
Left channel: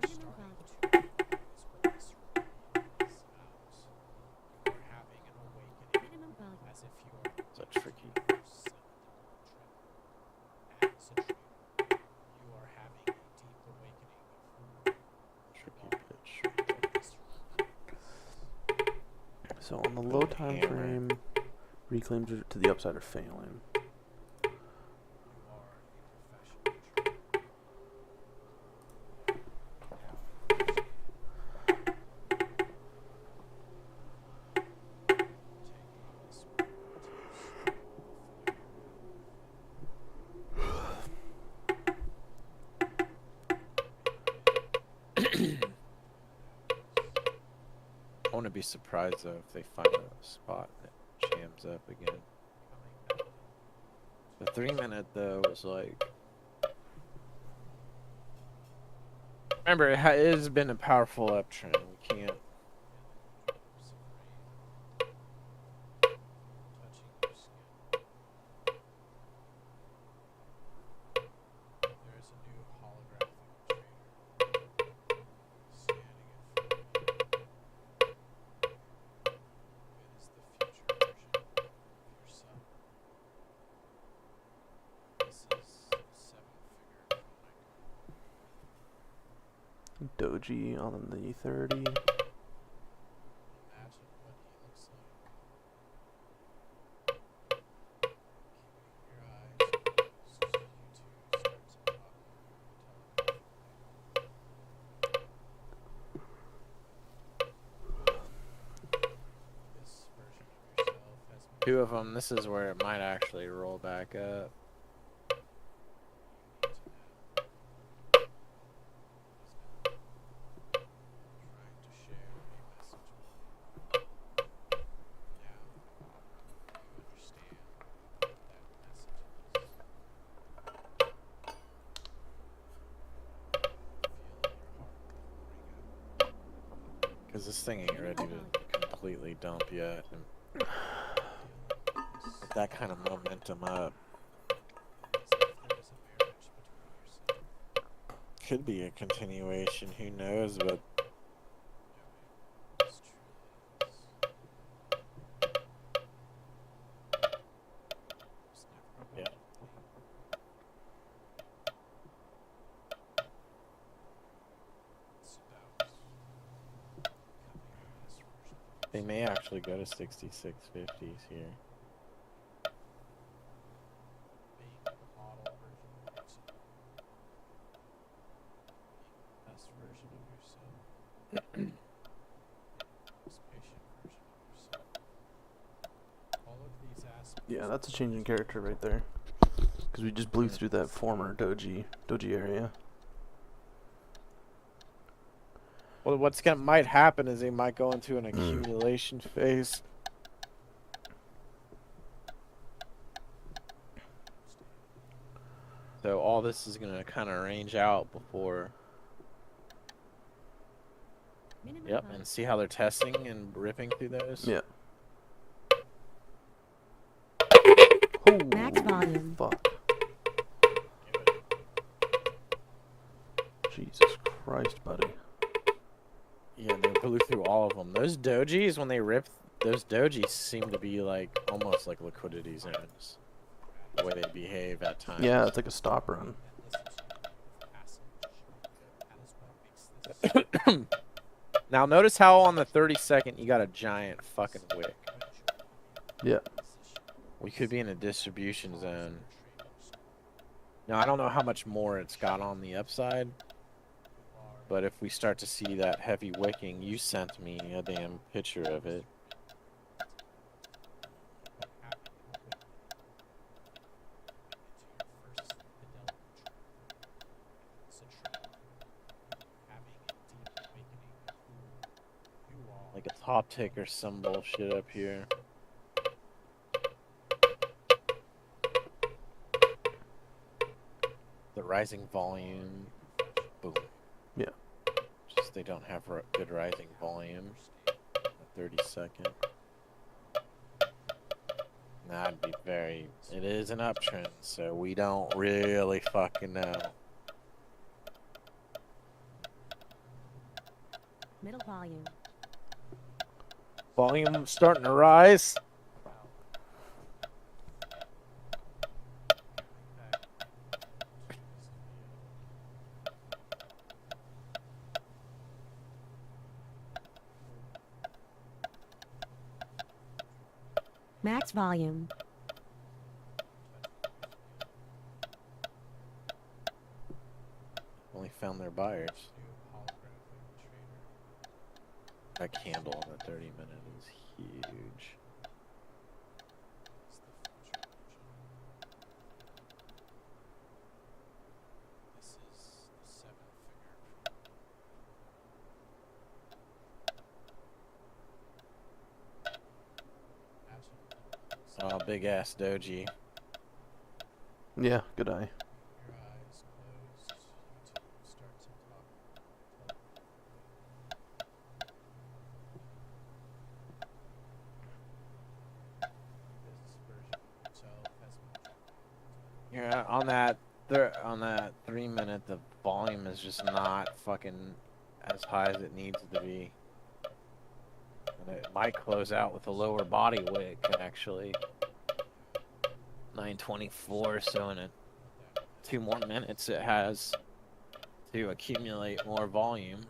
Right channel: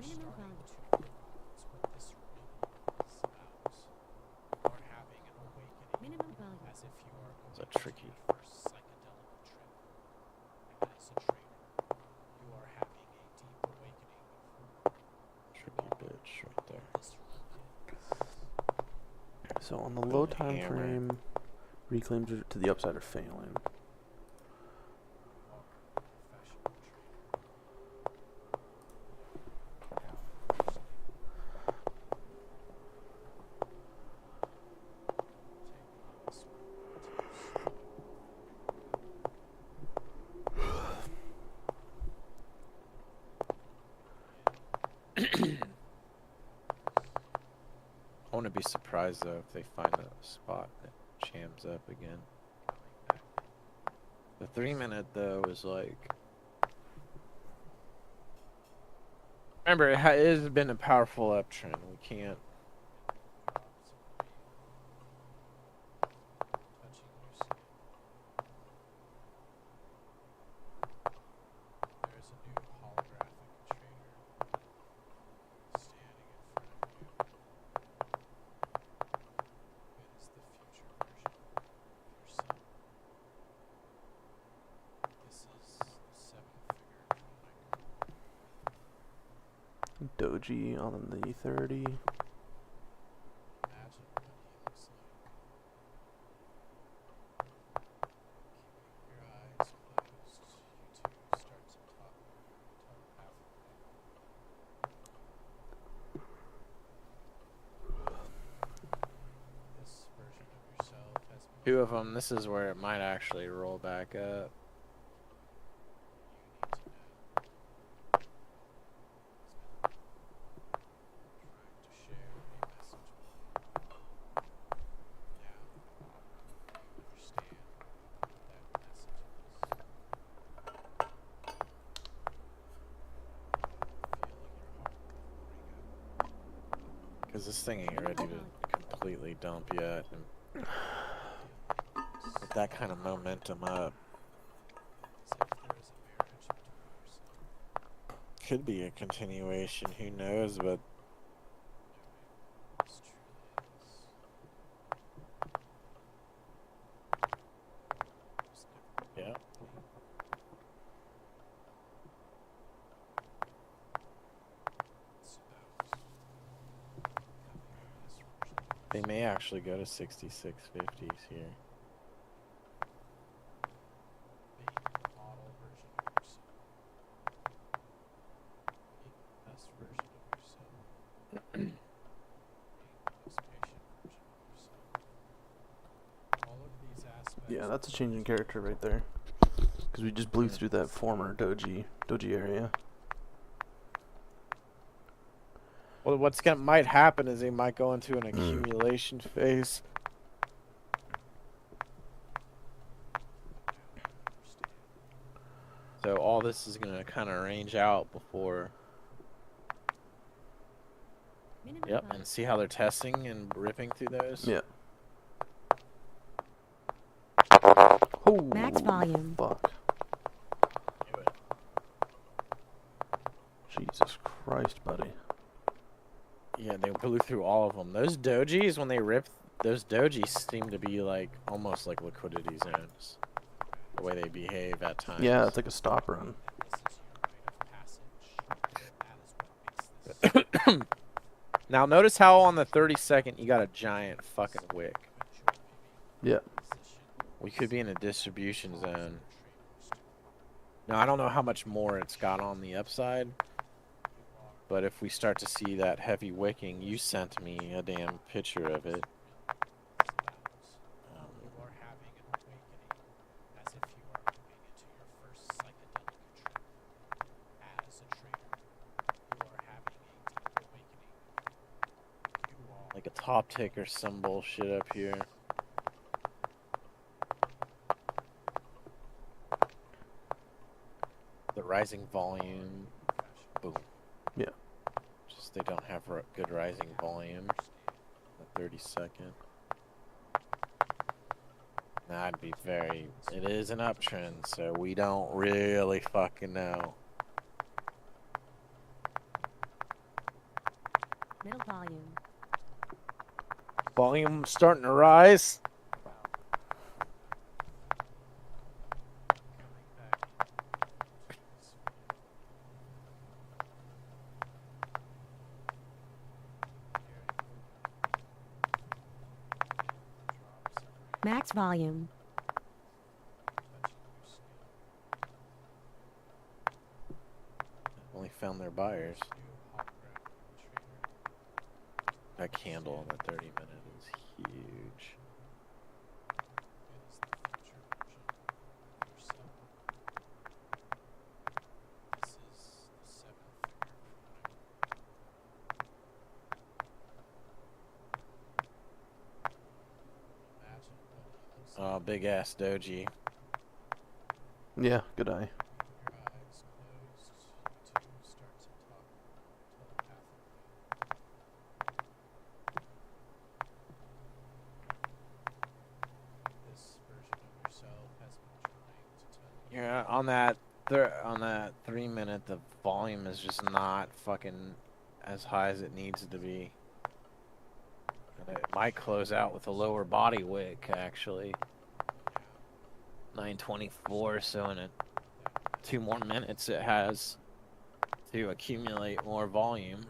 Minimum volume. Minimum volume. It's a tricky. Tricky bitch. right there. So on the low time Hammer. frame, reclaims to the upside are failing. I wouldn't be surprised though if they find a spot that jams up again. The 3-minute though was like. Remember, it has been a powerful uptrend. We can't. Doji on the 30. Two of them. This is where it might actually roll back up. Because this thing ain't ready to completely dump yet. And with that kind of momentum up. Could be a continuation, who knows, but yeah. They may actually go to 6650s here. Yeah, that's a change in character right there. Because we just blew through that former doji area. Well, what's gonna might happen is they might go into an accumulation phase. So all this is gonna kind of range out before. Minimum Yep, volume. and see how they're testing and ripping through those. Yeah. Max volume. Fuck. Jesus Christ, buddy. Yeah, they blew through all of them. Those dojis, when they rip, those dojis seem to be like almost like liquidity zones. The way they behave at times. Yeah, it's like a stop run. Now notice how on the 32nd you got a giant fucking wick. Yeah. We could be in a distribution zone. Now I don't know how much more it's got on the upside. But if we start to see that heavy wicking, you sent me a damn picture of it. pop tick or some bullshit up here. The rising volume. Boom. Yeah. Just they don't have good rising volume. The 30-second. That'd be very. It is an uptrend, so we don't really fucking know. Middle volume. Volume starting to rise. Max volume. Only found their buyers. That candle on the 30-minute is huge. Oh, big ass doji. Yeah, good eye. Yeah, on that 3-minute, the volume is just not fucking as high as it needs to be. And it might close out with a lower body wick, actually. 924, so in 2 more minutes it has to accumulate more volume.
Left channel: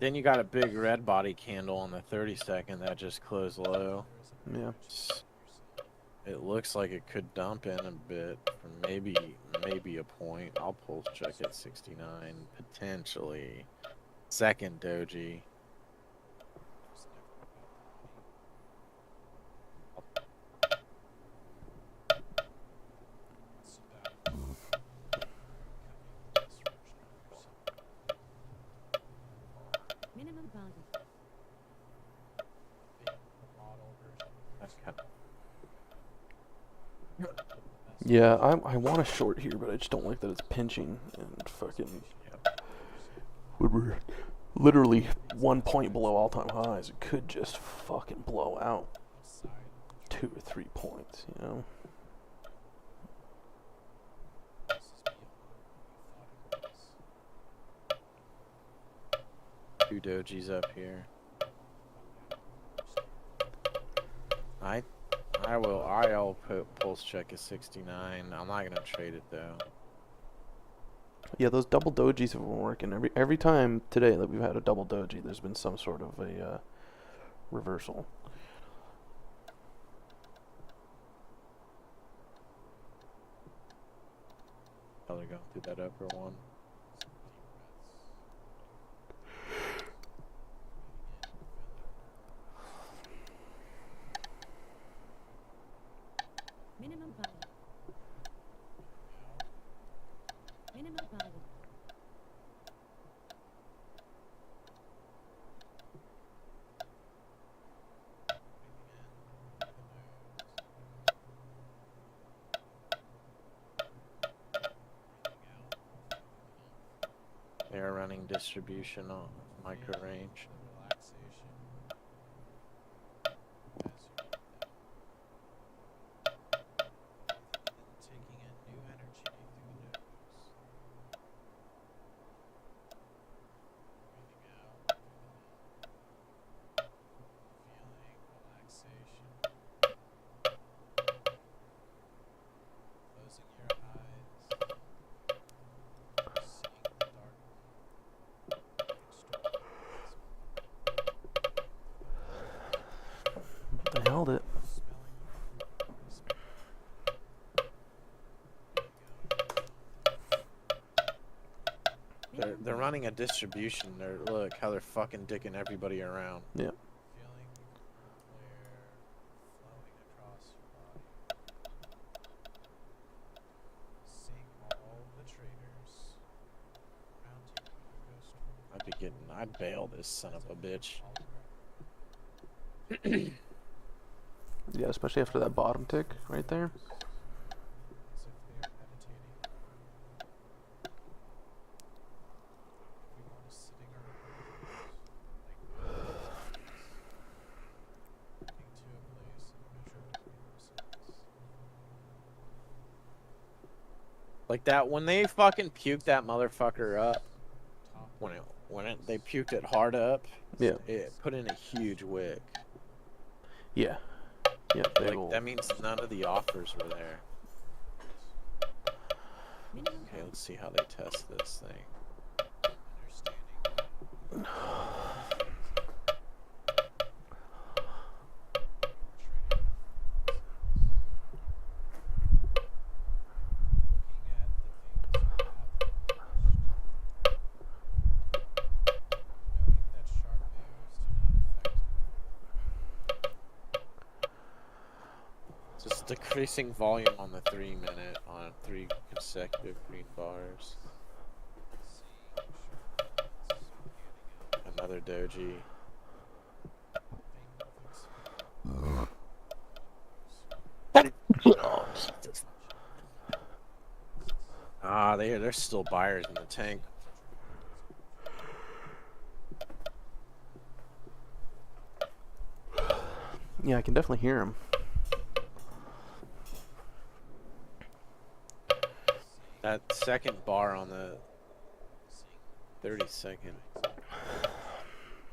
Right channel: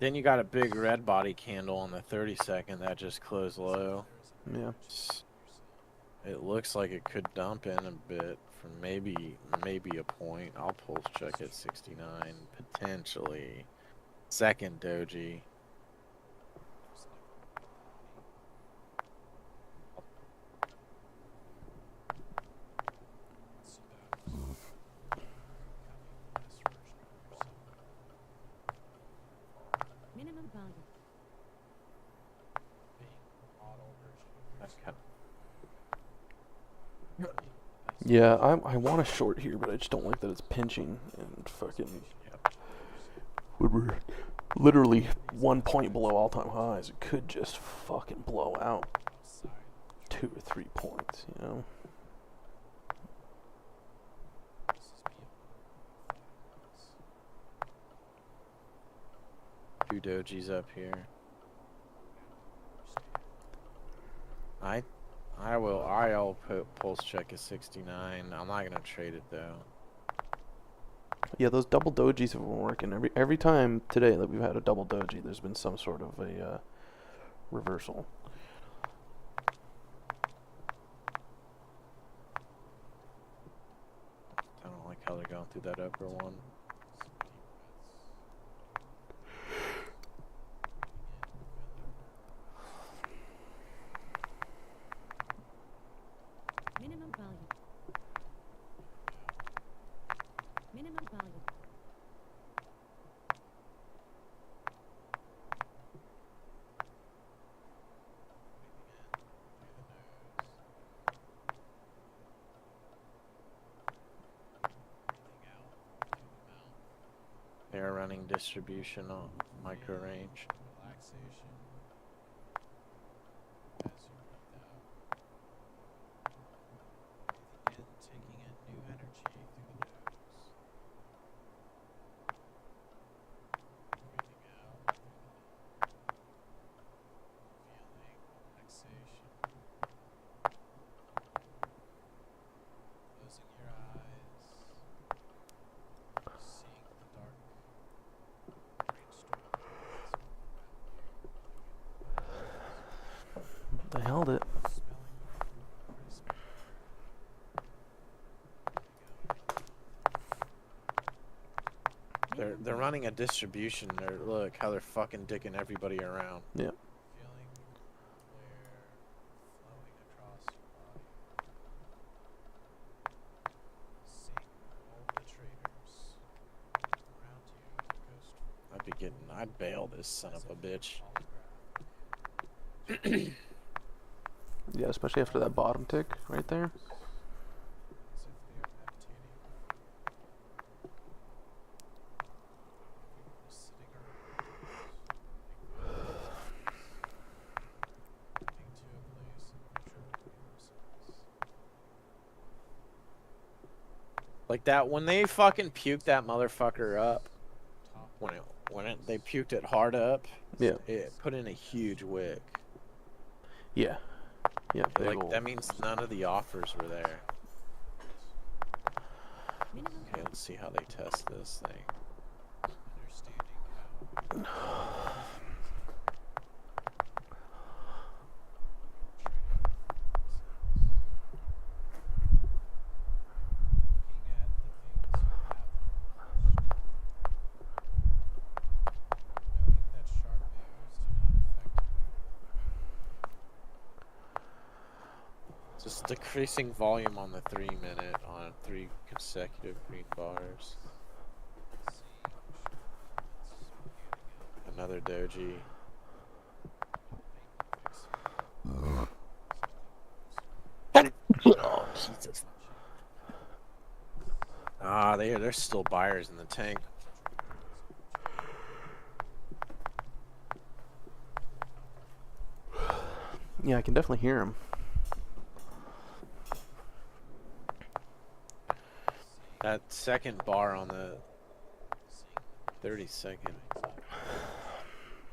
Then you got a big red body candle on the 30-second that just closed low. Yeah. It looks like it could dump in a bit for maybe a point. I'll pulse check at 69 potentially. Second doji. Minimum volume. That's kind of Yeah, I want to short here, but I just don't like that it's pinching and fucking. When we're literally 1 point below all-time highs, it could just fucking blow out 2 or 3 points, you know? two dojis up here. I'll put pulse check at 69. I'm not gonna trade it though. Yeah, those double dojis have been working. Every time today that we've had a double doji, there's been some sort of a reversal. I don't like how they're going through that upper one. Minimum volume. Minimum volume. They're running distribution on micro range. They held it. They're running a distribution. Look how they're fucking dicking everybody around. Yeah. I'd bail this son of a bitch. Yeah, especially after that bottom tick right there. Like that when they fucking puked that motherfucker up. They puked it hard up. Yeah. It put in a huge wick. Yeah. Yeah. Big Like ol'. that means none of the offers were there. Minimum Okay, volume. let's see how they test this thing. Just decreasing volume on the 3 minute on 3 consecutive green bars. Another doji. Oh, Jesus. Ah, there's still buyers in the tank. Yeah, I can definitely hear him. That second bar on the 30-second,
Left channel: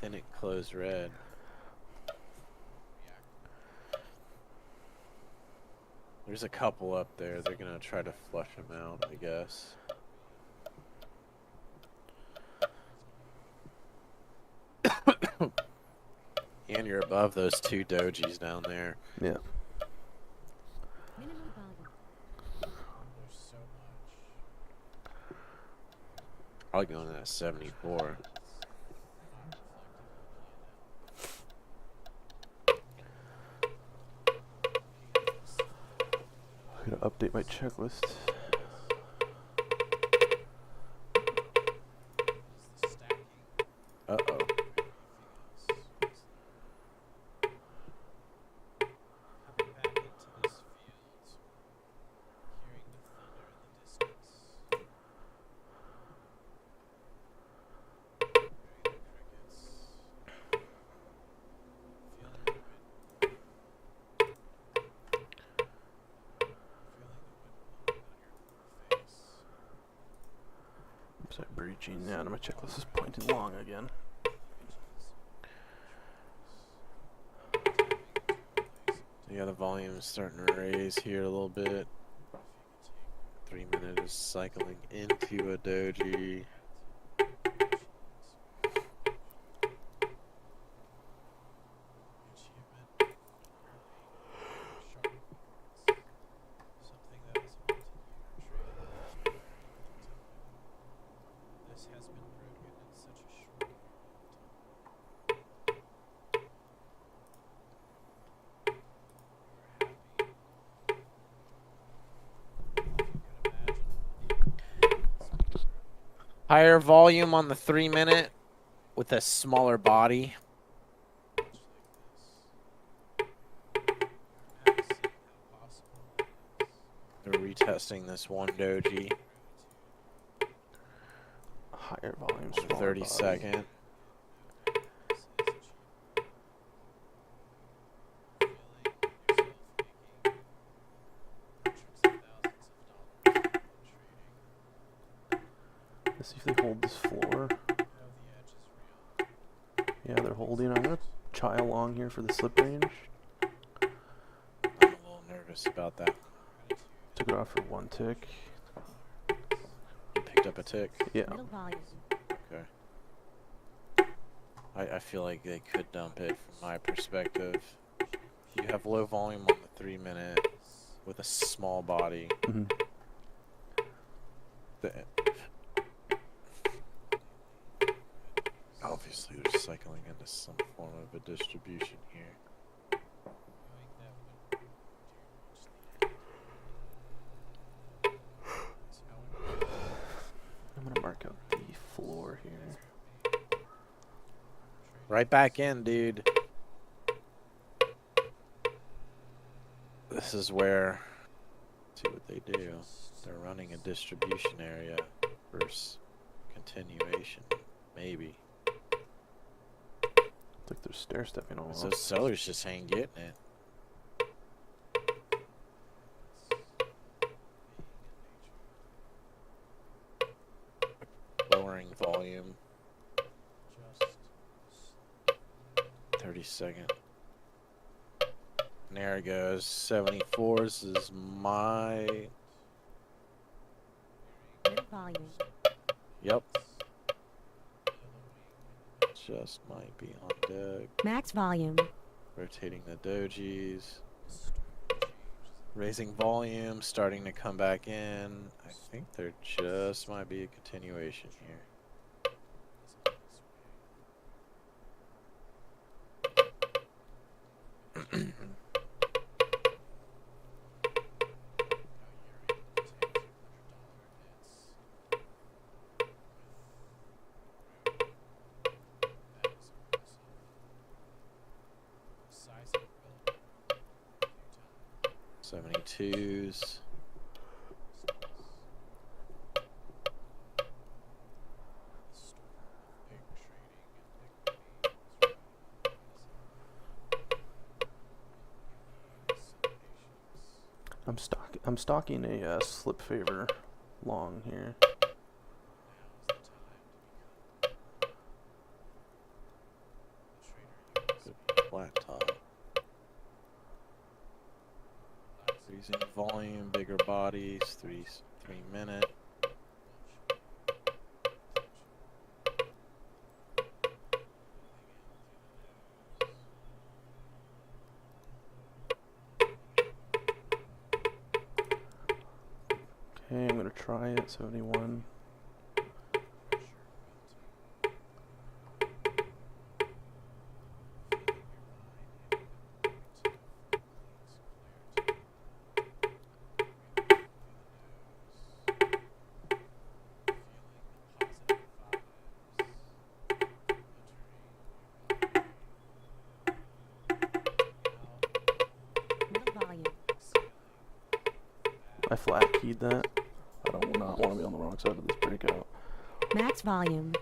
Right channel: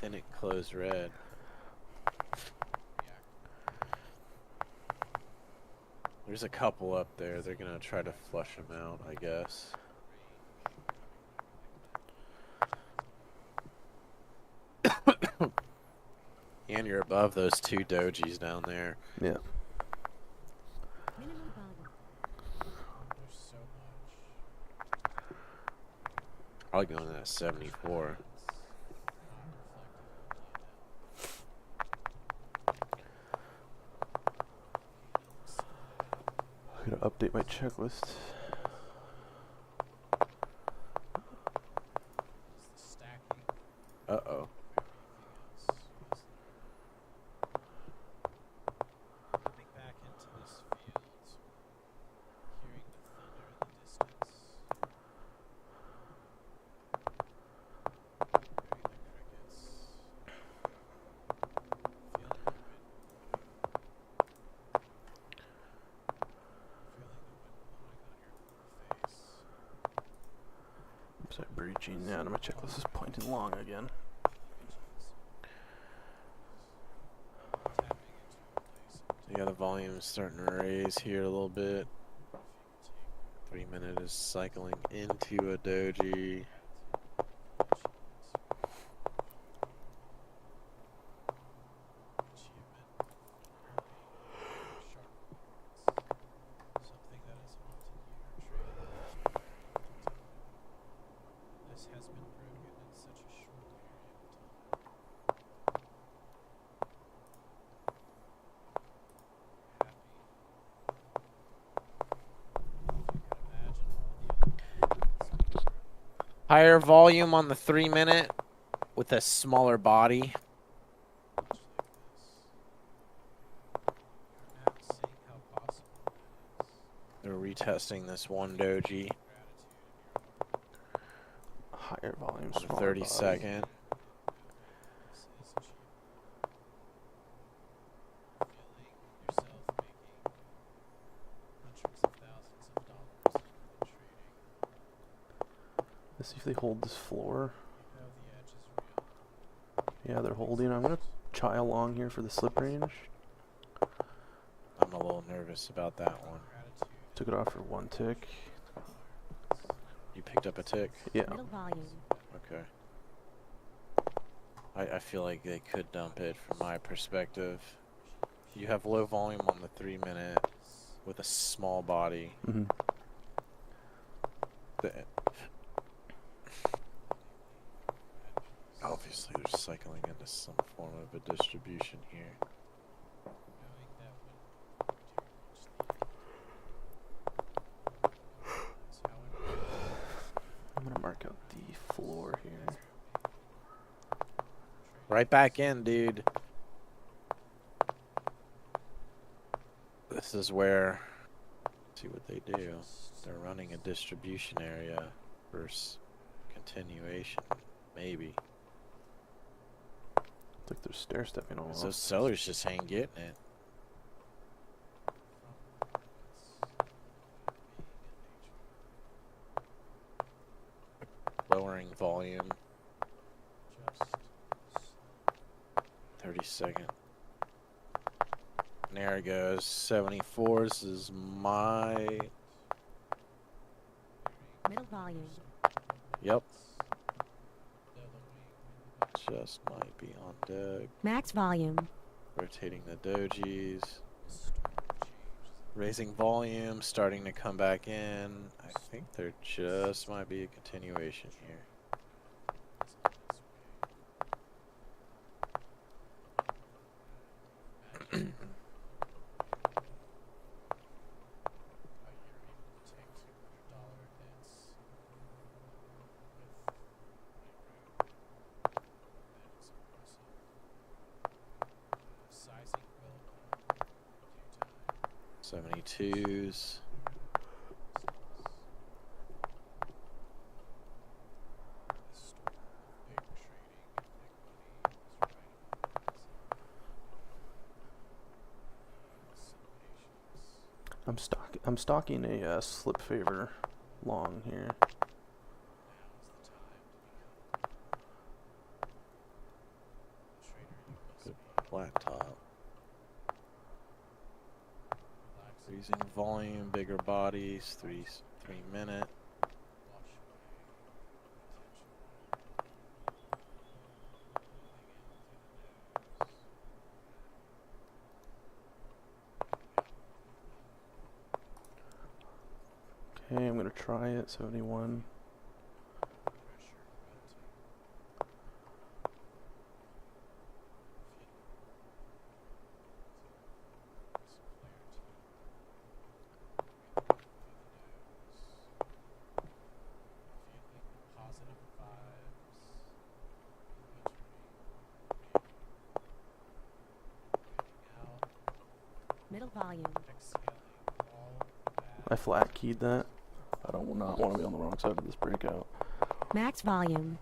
then it closed red. There's a couple up there. They're gonna try to flush them out, I guess. And you're above those 2 dojis down there. Yeah. Minimum volume. Probably going to that 74. I'm gonna update my checklist. Uh-oh. Oops, I'm breaching. Yeah, my checklist is pointing long again. Yeah, the volume is starting to raise here a little bit. 3 minute is cycling into a doji. Higher volume on the 3 minute with a smaller body. They're retesting this one doji Higher volume, on the smaller 30 body. second. Let's see if they hold this floor. Yeah, they're holding. I'm gonna chai along here for the slip range. I'm a little nervous about that one. Took it off for 1 tick. You picked up a tick? Yeah. Middle volume. Okay. I feel like they could dump it from my perspective. You have low volume on the 3 minute with a small body. Hmm. Obviously, they're cycling into some form of a distribution here. I'm gonna mark out the floor here. Right back in, dude. This is where, let's see what they do. They're running a distribution area versus continuation, maybe. It's like they're stair stepping almost. Those sellers just ain't getting it. Lowering volume. 30-second. And there it goes. 74s is my. Middle volume. Yep. Just might be on deck. Max volume. Rotating the dojis. Raising volume, starting to come back in. I think there just might be a continuation here. $72s. I'm stalking a slip favor long here. Good flat top. Using volume, bigger bodies, 3 minute. Okay, I'm gonna try it. 71. Middle volume. I flat keyed that. I don't not want to be on the wrong side of this breakout. Max volume.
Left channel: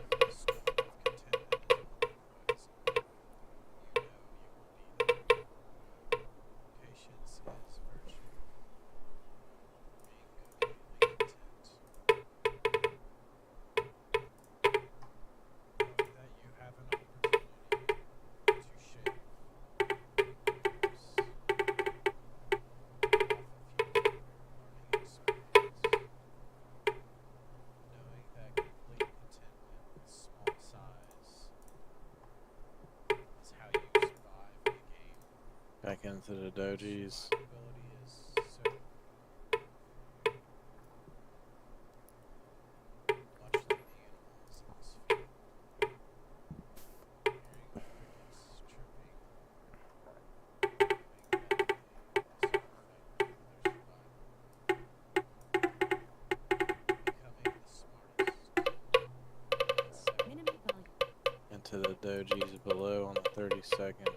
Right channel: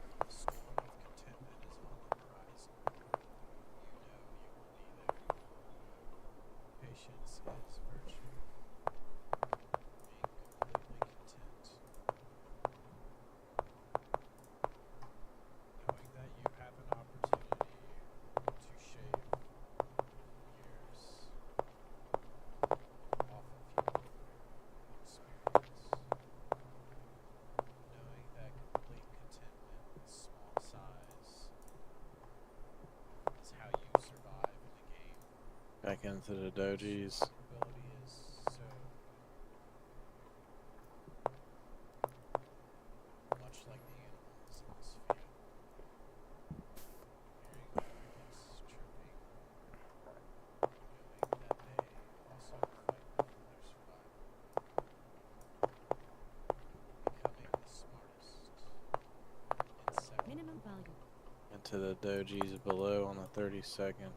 Back into the dojis. Minimum volume. Into the dojis below on the 30-second.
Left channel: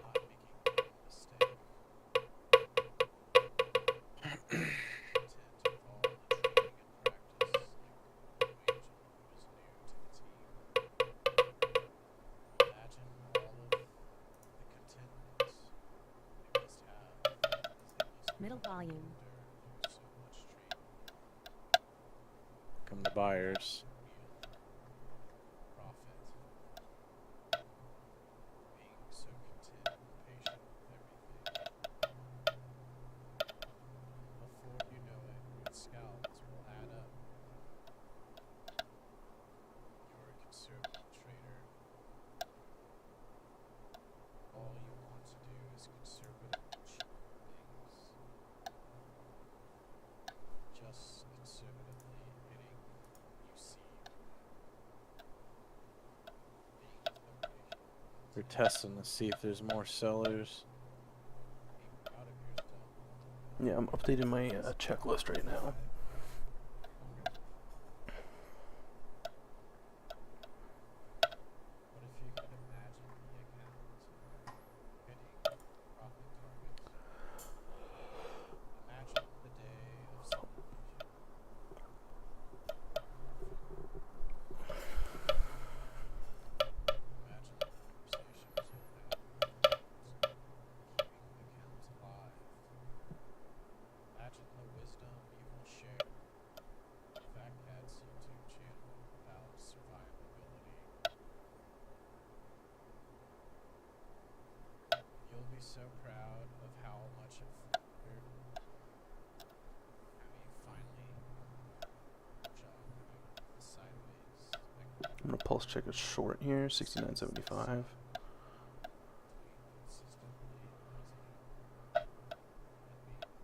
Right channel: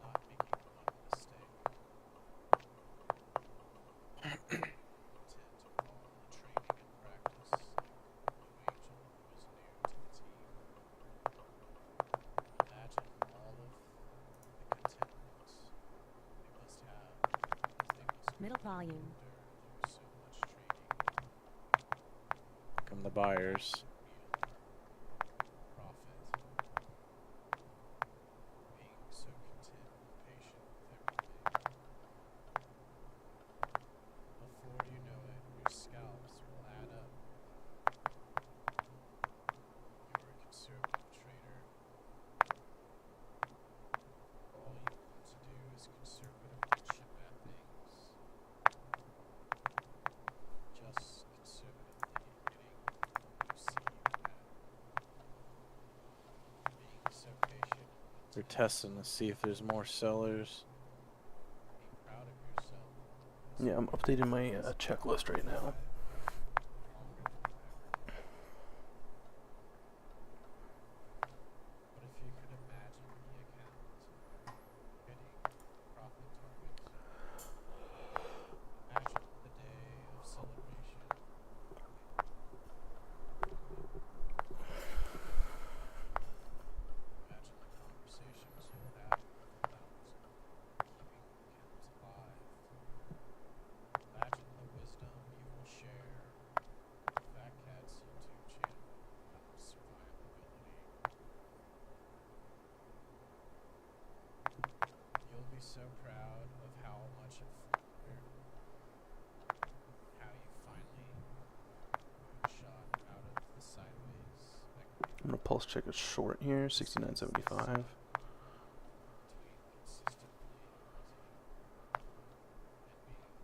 Middle volume. Come the buyers. We're testing to see if there's more sellers. Yeah, I'm updating my checklist right now. Pulse check is short here, 69.75.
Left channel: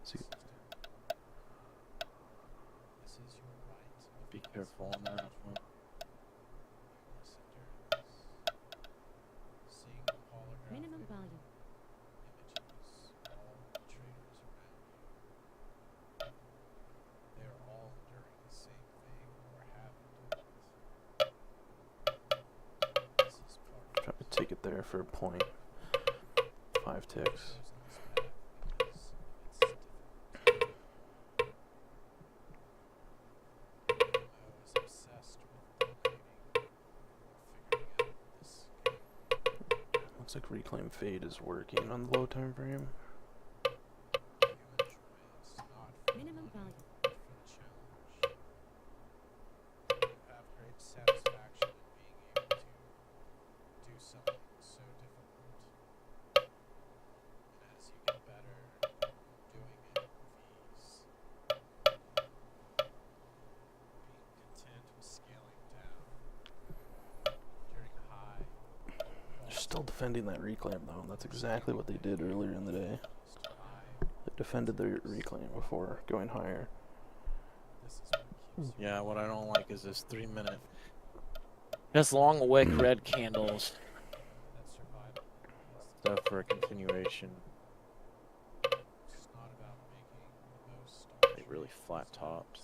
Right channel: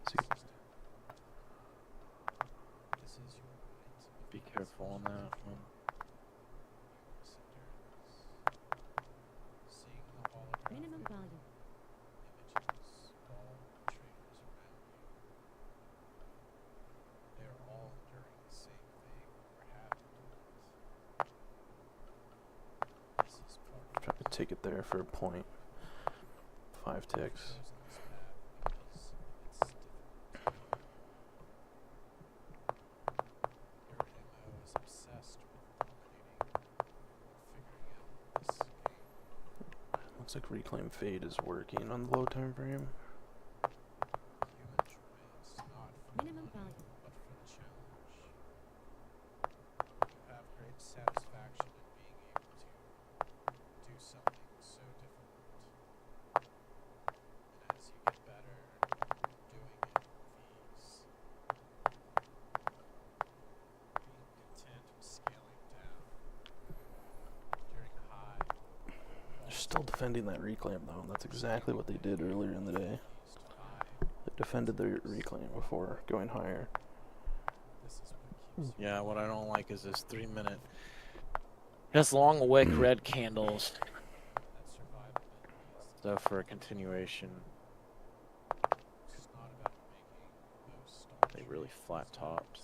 See, Be careful on that one. Minimum volume. try to take it there for a point. 5 ticks. Looks like Reclaim Fade is working on the low time frame. Minimum volume. They're still defending that Reclaim though, and that's exactly what they did earlier in the day. They defended their Reclaim before going higher. Yeah, what I don't like is this 3-minute. Just long wick red candles. Stuff for a continuation. They really flat topped.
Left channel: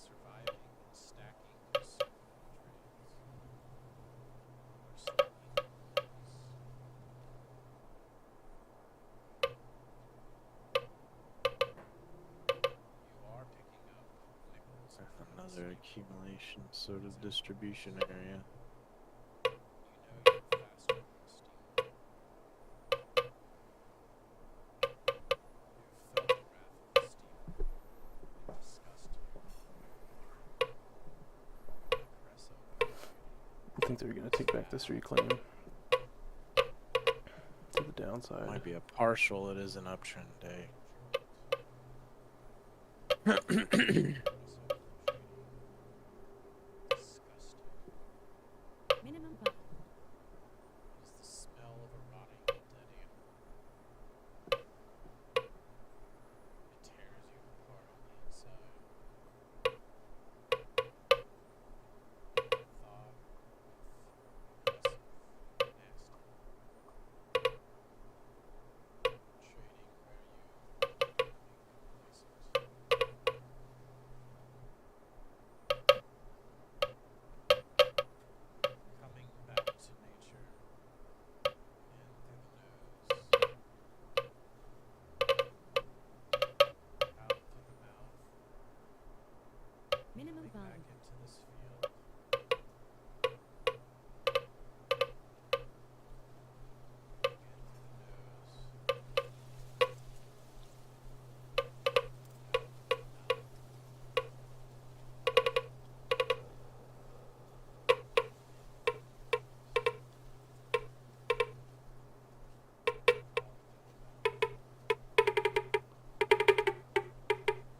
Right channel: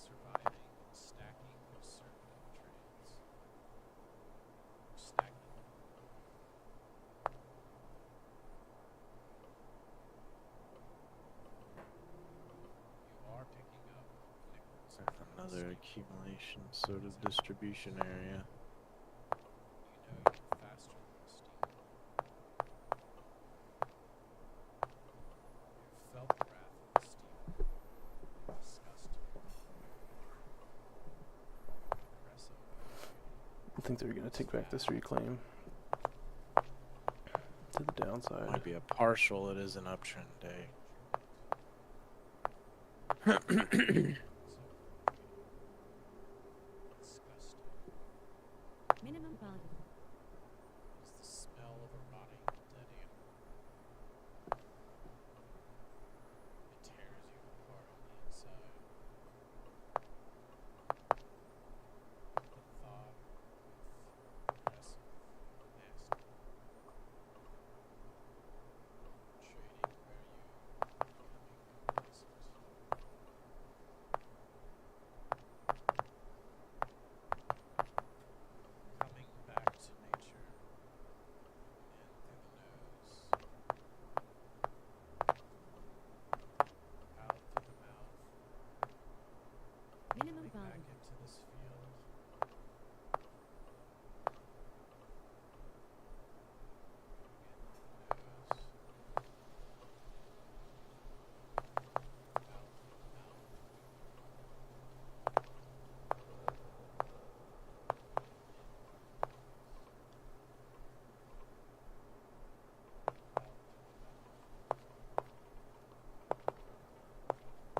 Another accumulation sort of distribution area. I think they're going to take back this Reclaim to the downside. Might be a partial, it is an uptrend day. Minimum volume. Minimum volume.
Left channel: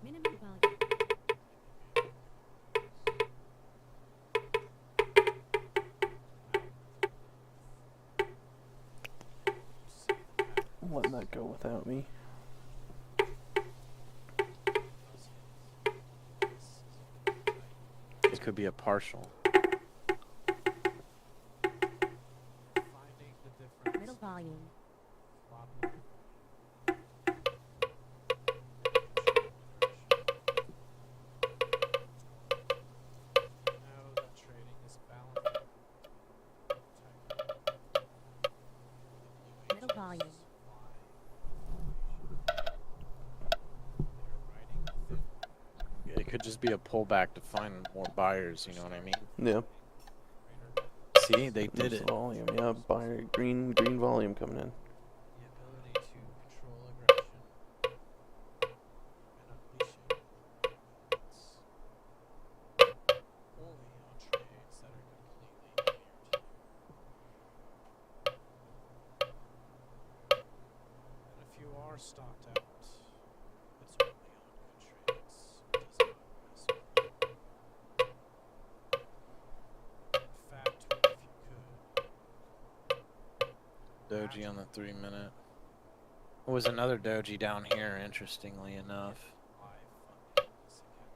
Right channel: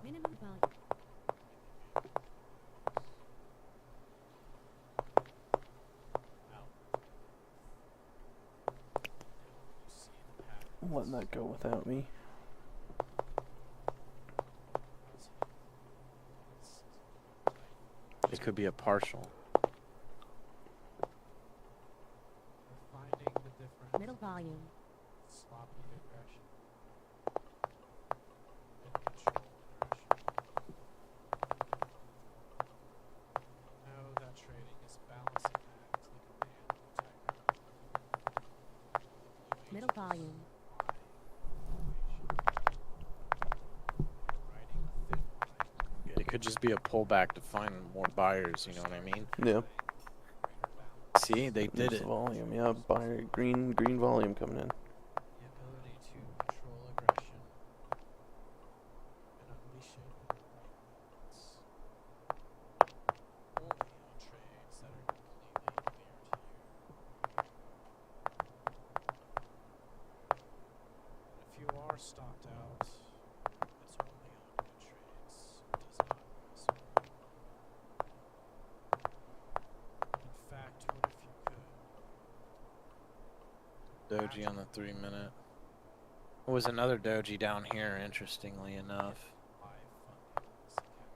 Minimum volume. I'm letting that go without me. It could be a partial. Middle volume. Middle volume. It could just be a pullback to find more buyers, you know what I mean? Yeah. See, they did There's it. the volume. Yeah, buyer green volume coming in. Stopped out. It's only on good trades. It does not mess around. In fact, if you could doji on the 3-minute. There was another doji down here, interestingly enough. live funding this account.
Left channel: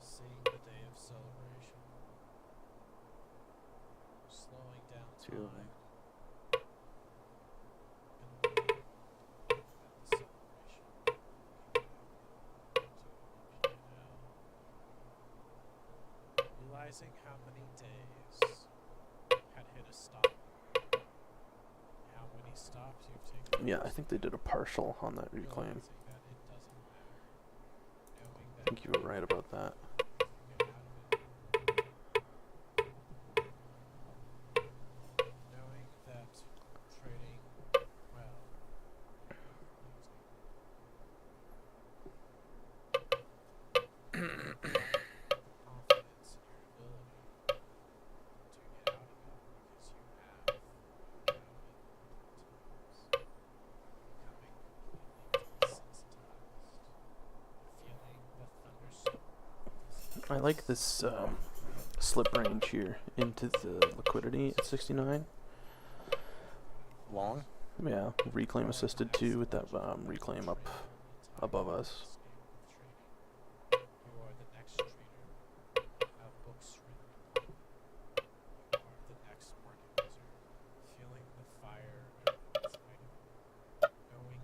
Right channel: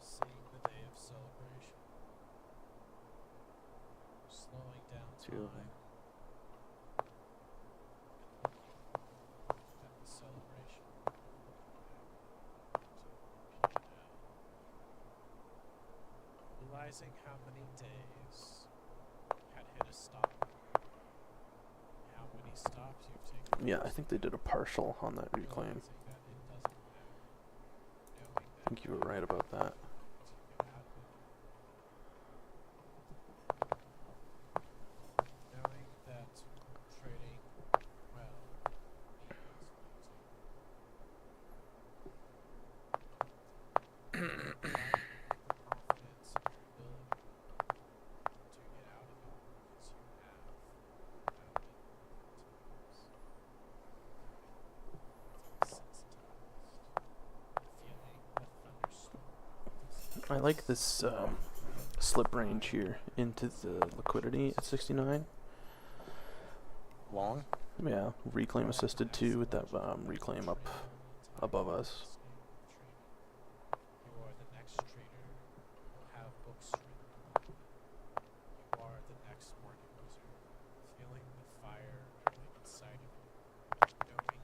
Seeing the day of celebration. Slowing down Two of time. them. And looking at the celebration. Realizing how many days had hit a stop. How many stops you've taken. Yeah, I think they did a partial on that reclaim. Realizing that it doesn't matter. Knowing I that think you were right about that. to get out of it. Knowing that trading well equals losing. Confidence in your ability to get out of it because you have found it multiple times. Having desensitized. Feeling the thunderstorm. I like this slip range here into the liquidity at 69. Long? Yeah, reclaim assisted too with that reclaim up above us. You are the next trader who will have books written. You are the next market wizard, feeling the fire inside of you, knowing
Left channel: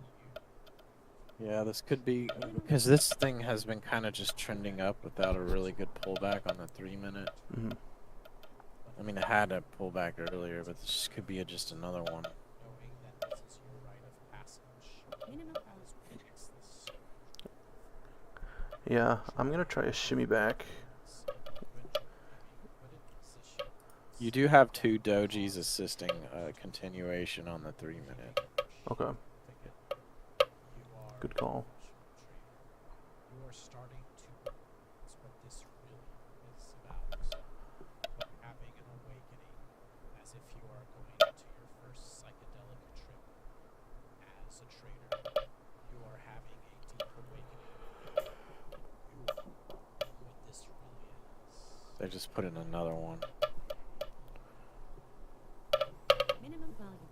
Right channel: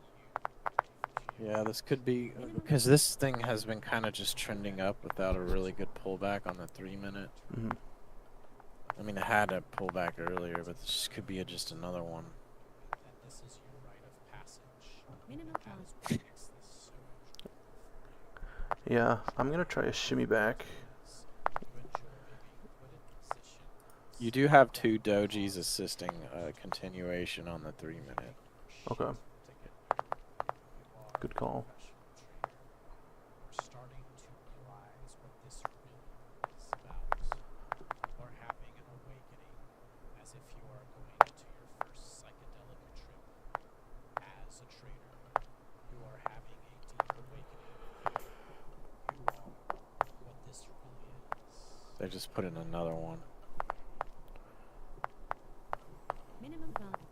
you. Yeah, this could be because this thing has been kind of just trending up without a really good pullback on the 3-minute. Hmm. I mean, it had a pullback earlier, but this could be just another one. Knowing that this is your rite of passage Minimum as volume. what makes this so Yeah, I'm gonna try a shimmy back. you enjoy being put in position. You do have 2 dojis assisting continuation on the 3-minute. Okay, You are good call. professional trader. You are starting to realize what this really is about. You are having an awakening as if you are going to your first psychedelic trip as a trader. You are having a deep awakening. You are what this really is. They just put in another one. Minimum volume.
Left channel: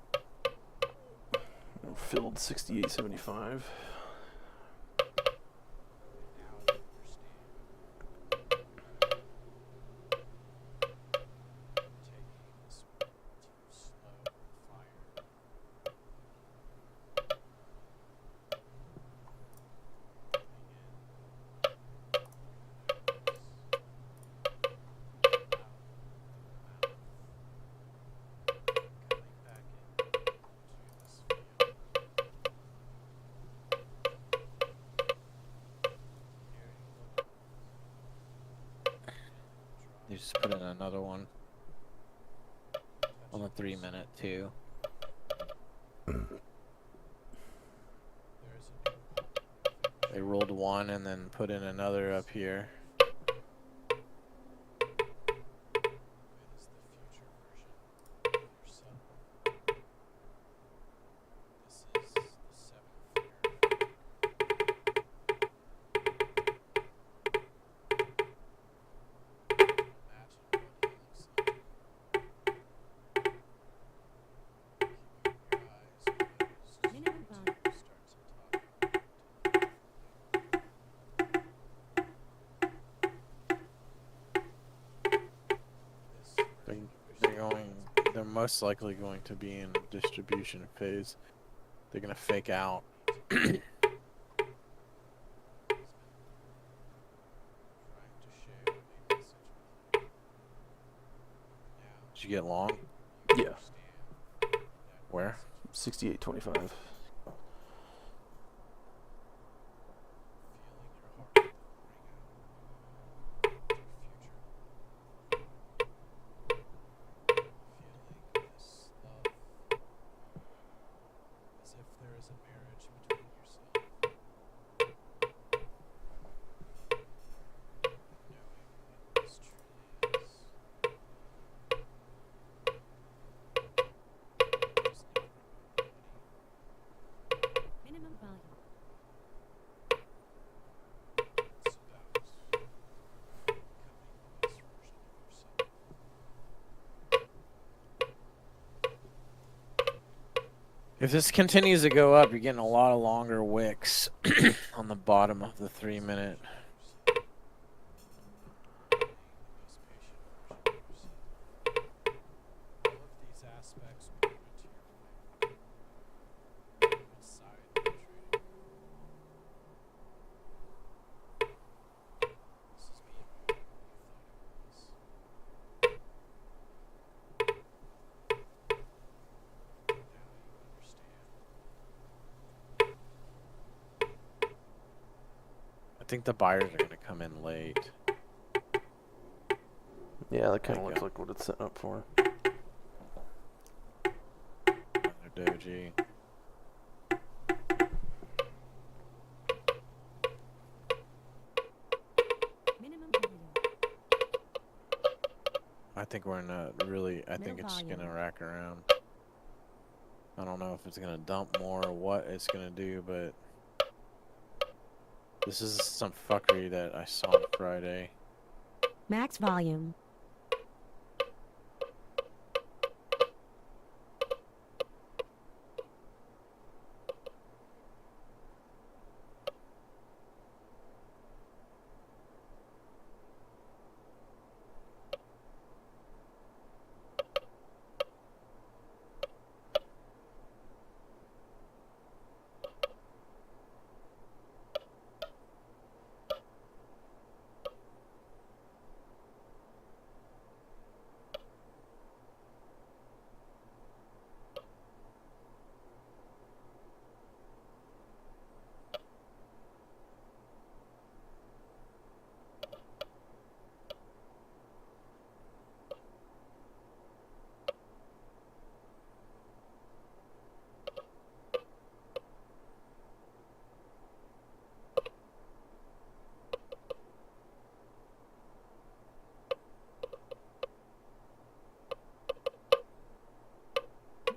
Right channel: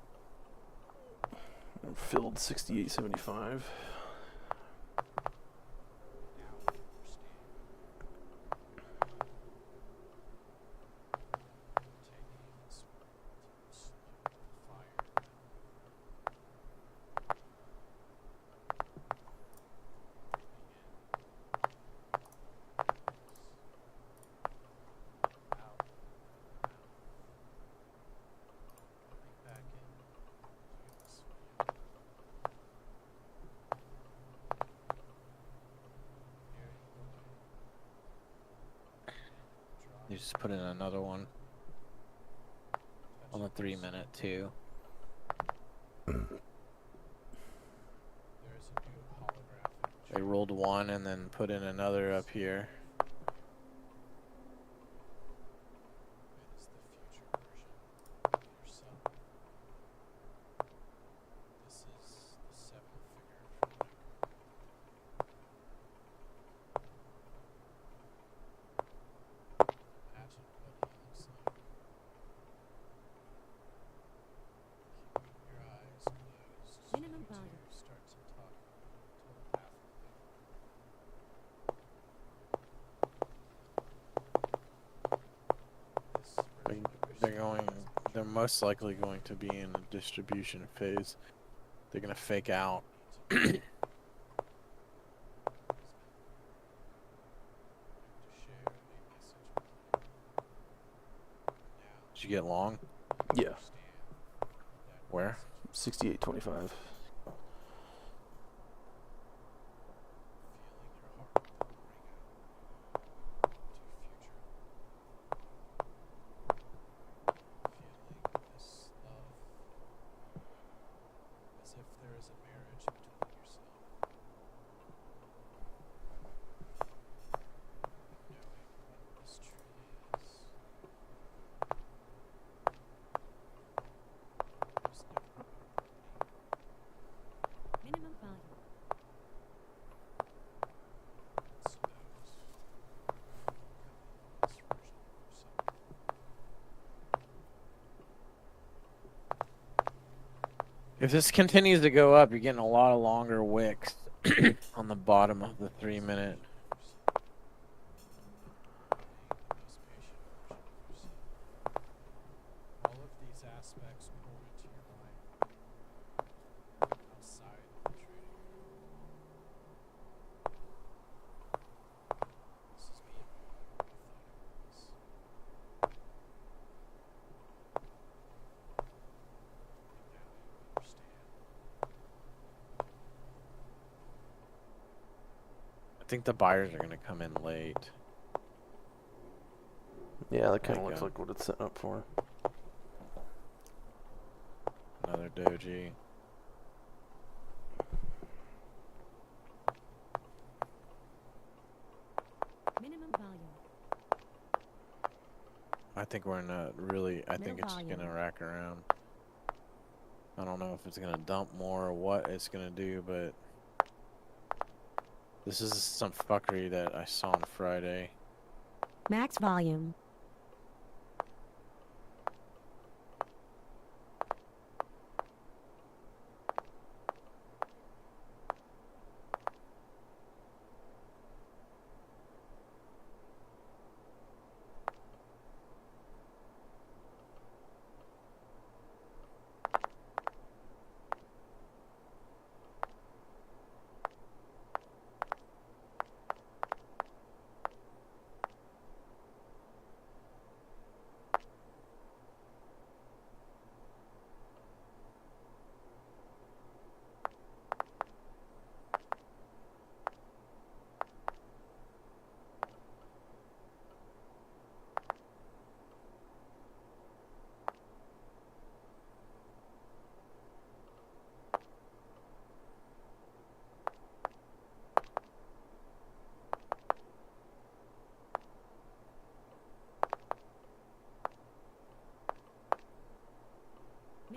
Filled 68.75. Now you understand. Taking this to slow fire. They just put in another one on the 3-minute too. They rolled one and then put in another up here. Minimum volume. They're most likely going to be in distribution phase. They're gonna fake out. Did you get long? Yeah, Where? 68.25. As if there is a marriage between yourself. Knowing what this truly is. There's no more remedy. If this continues to go up, you're getting a lot of longer wicks on the bottom of the 3-minute. All of these aspects point to your mind outside the trading. This is being more than what we thought it was. Now you understand. I think the buyers are going to come in late. Yeah, that kind There of you looks go. like what it's set up for. Another doji. Minimum volume. I think we're in a really, I think Middle it's going to volume. rack around. I don't know if it's going to dump more or what it's going to do, but this is some fuckery that I saw on Friday. Max volume.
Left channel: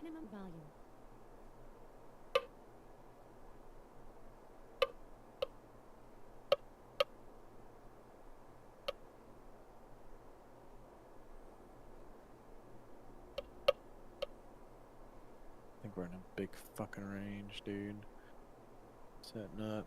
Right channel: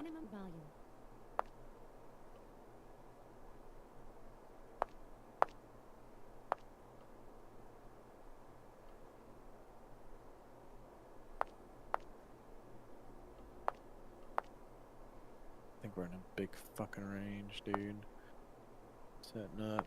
Minimum volume. I think we're in a big fucking range, dude. Setting up.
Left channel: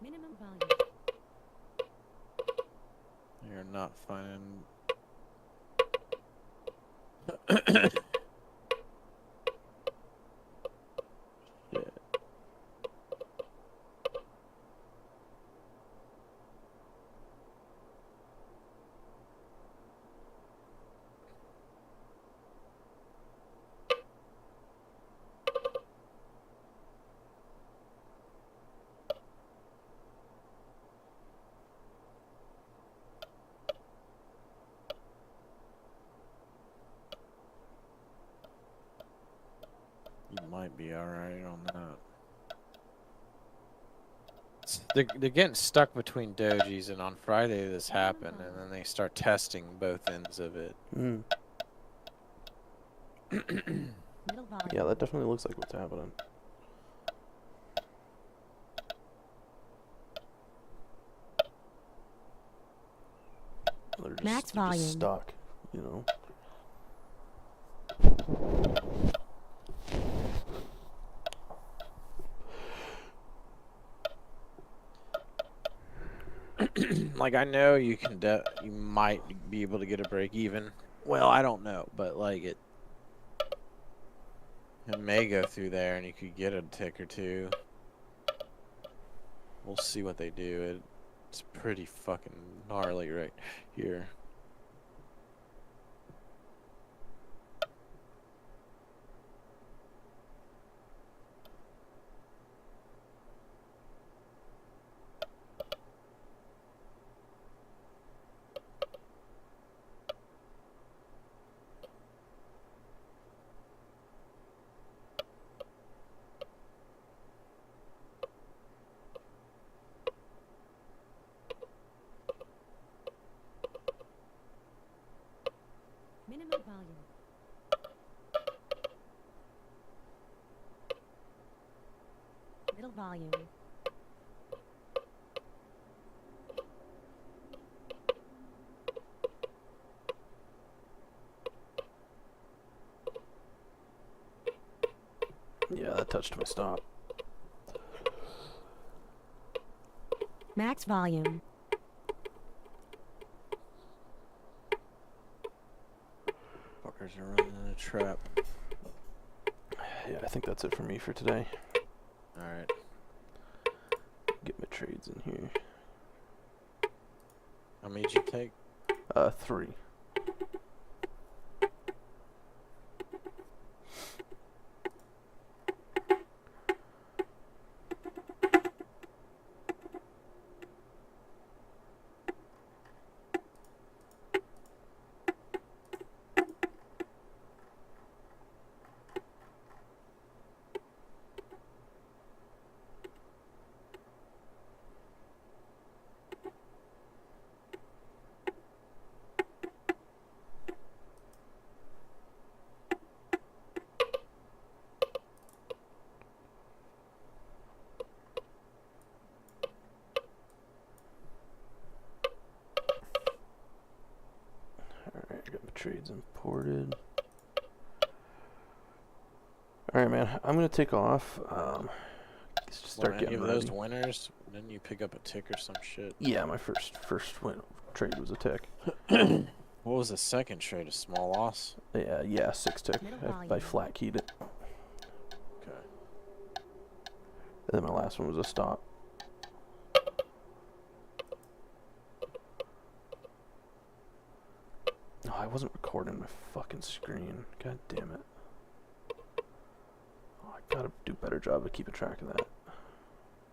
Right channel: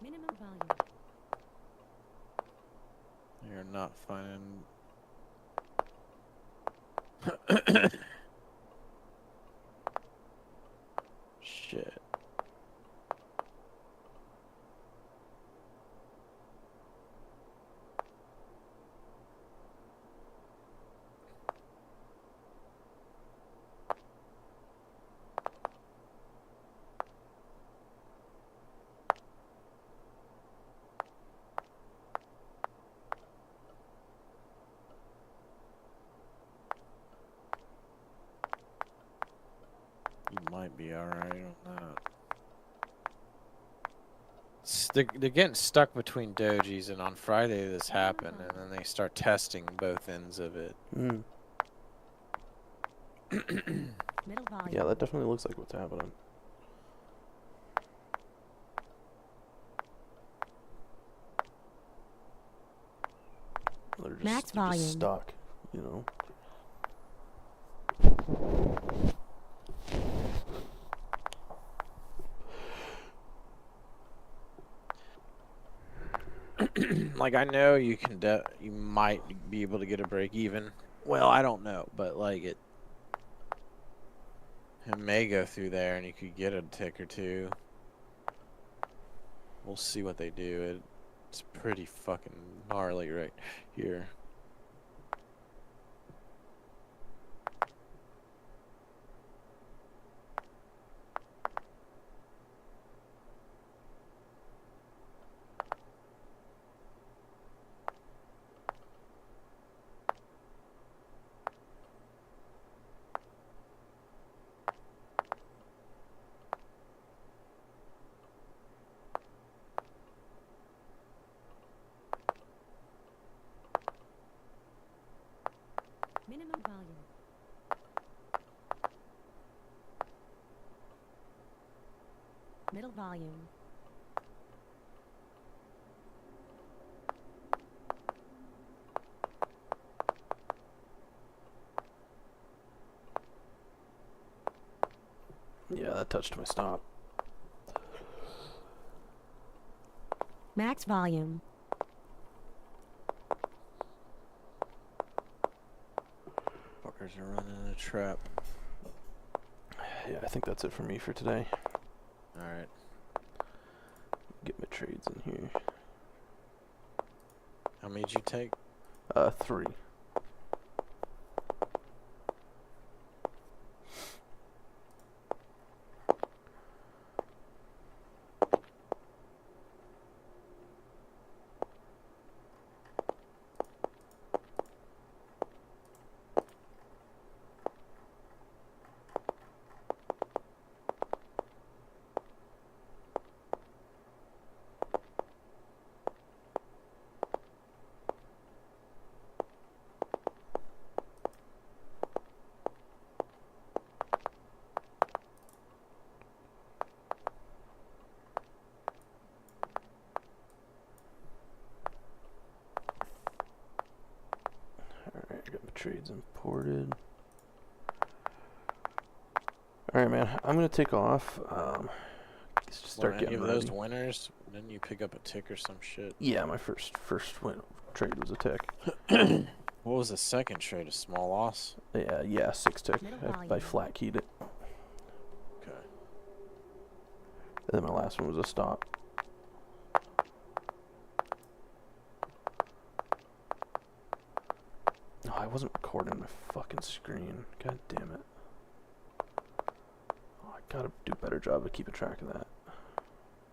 Minimum volume. You're not finding. Shit. You might be alright on that. They're getting stuck between dojis, and on Friday this happened, and then they start testing both ends of it. Mm. Middle volume. Yeah, that definitely looks like what's happening. Max They're volume. just stuck, you know. Like, I know you can you might be able to get a break even. Well, I don't know, but like it may go through there and you could get a tick or two. We'll see what they do. It's pretty fucking gnarly right here. volume. Yeah, that touched my stop. Max volume. Fuckers are running in a trap. Yeah, I think that's it for me for today. Alright. Get my trades in here. How many did you take? 3. Alright, I got my trades imported. Alright, man, I'm gonna take off. Just start Were any getting of ready. those winners? Didn't you pick up a tick or some shit? Yeah, my first trade was a tick. What was the second trade? A small loss? Yeah, 6 tick. Middle I volume. flat keyed it. Okay. And then my last one was a stop. Oh, I wasn't recording my fucking screen. God damn it. Oh, I gotta do a better job of keeping track of that.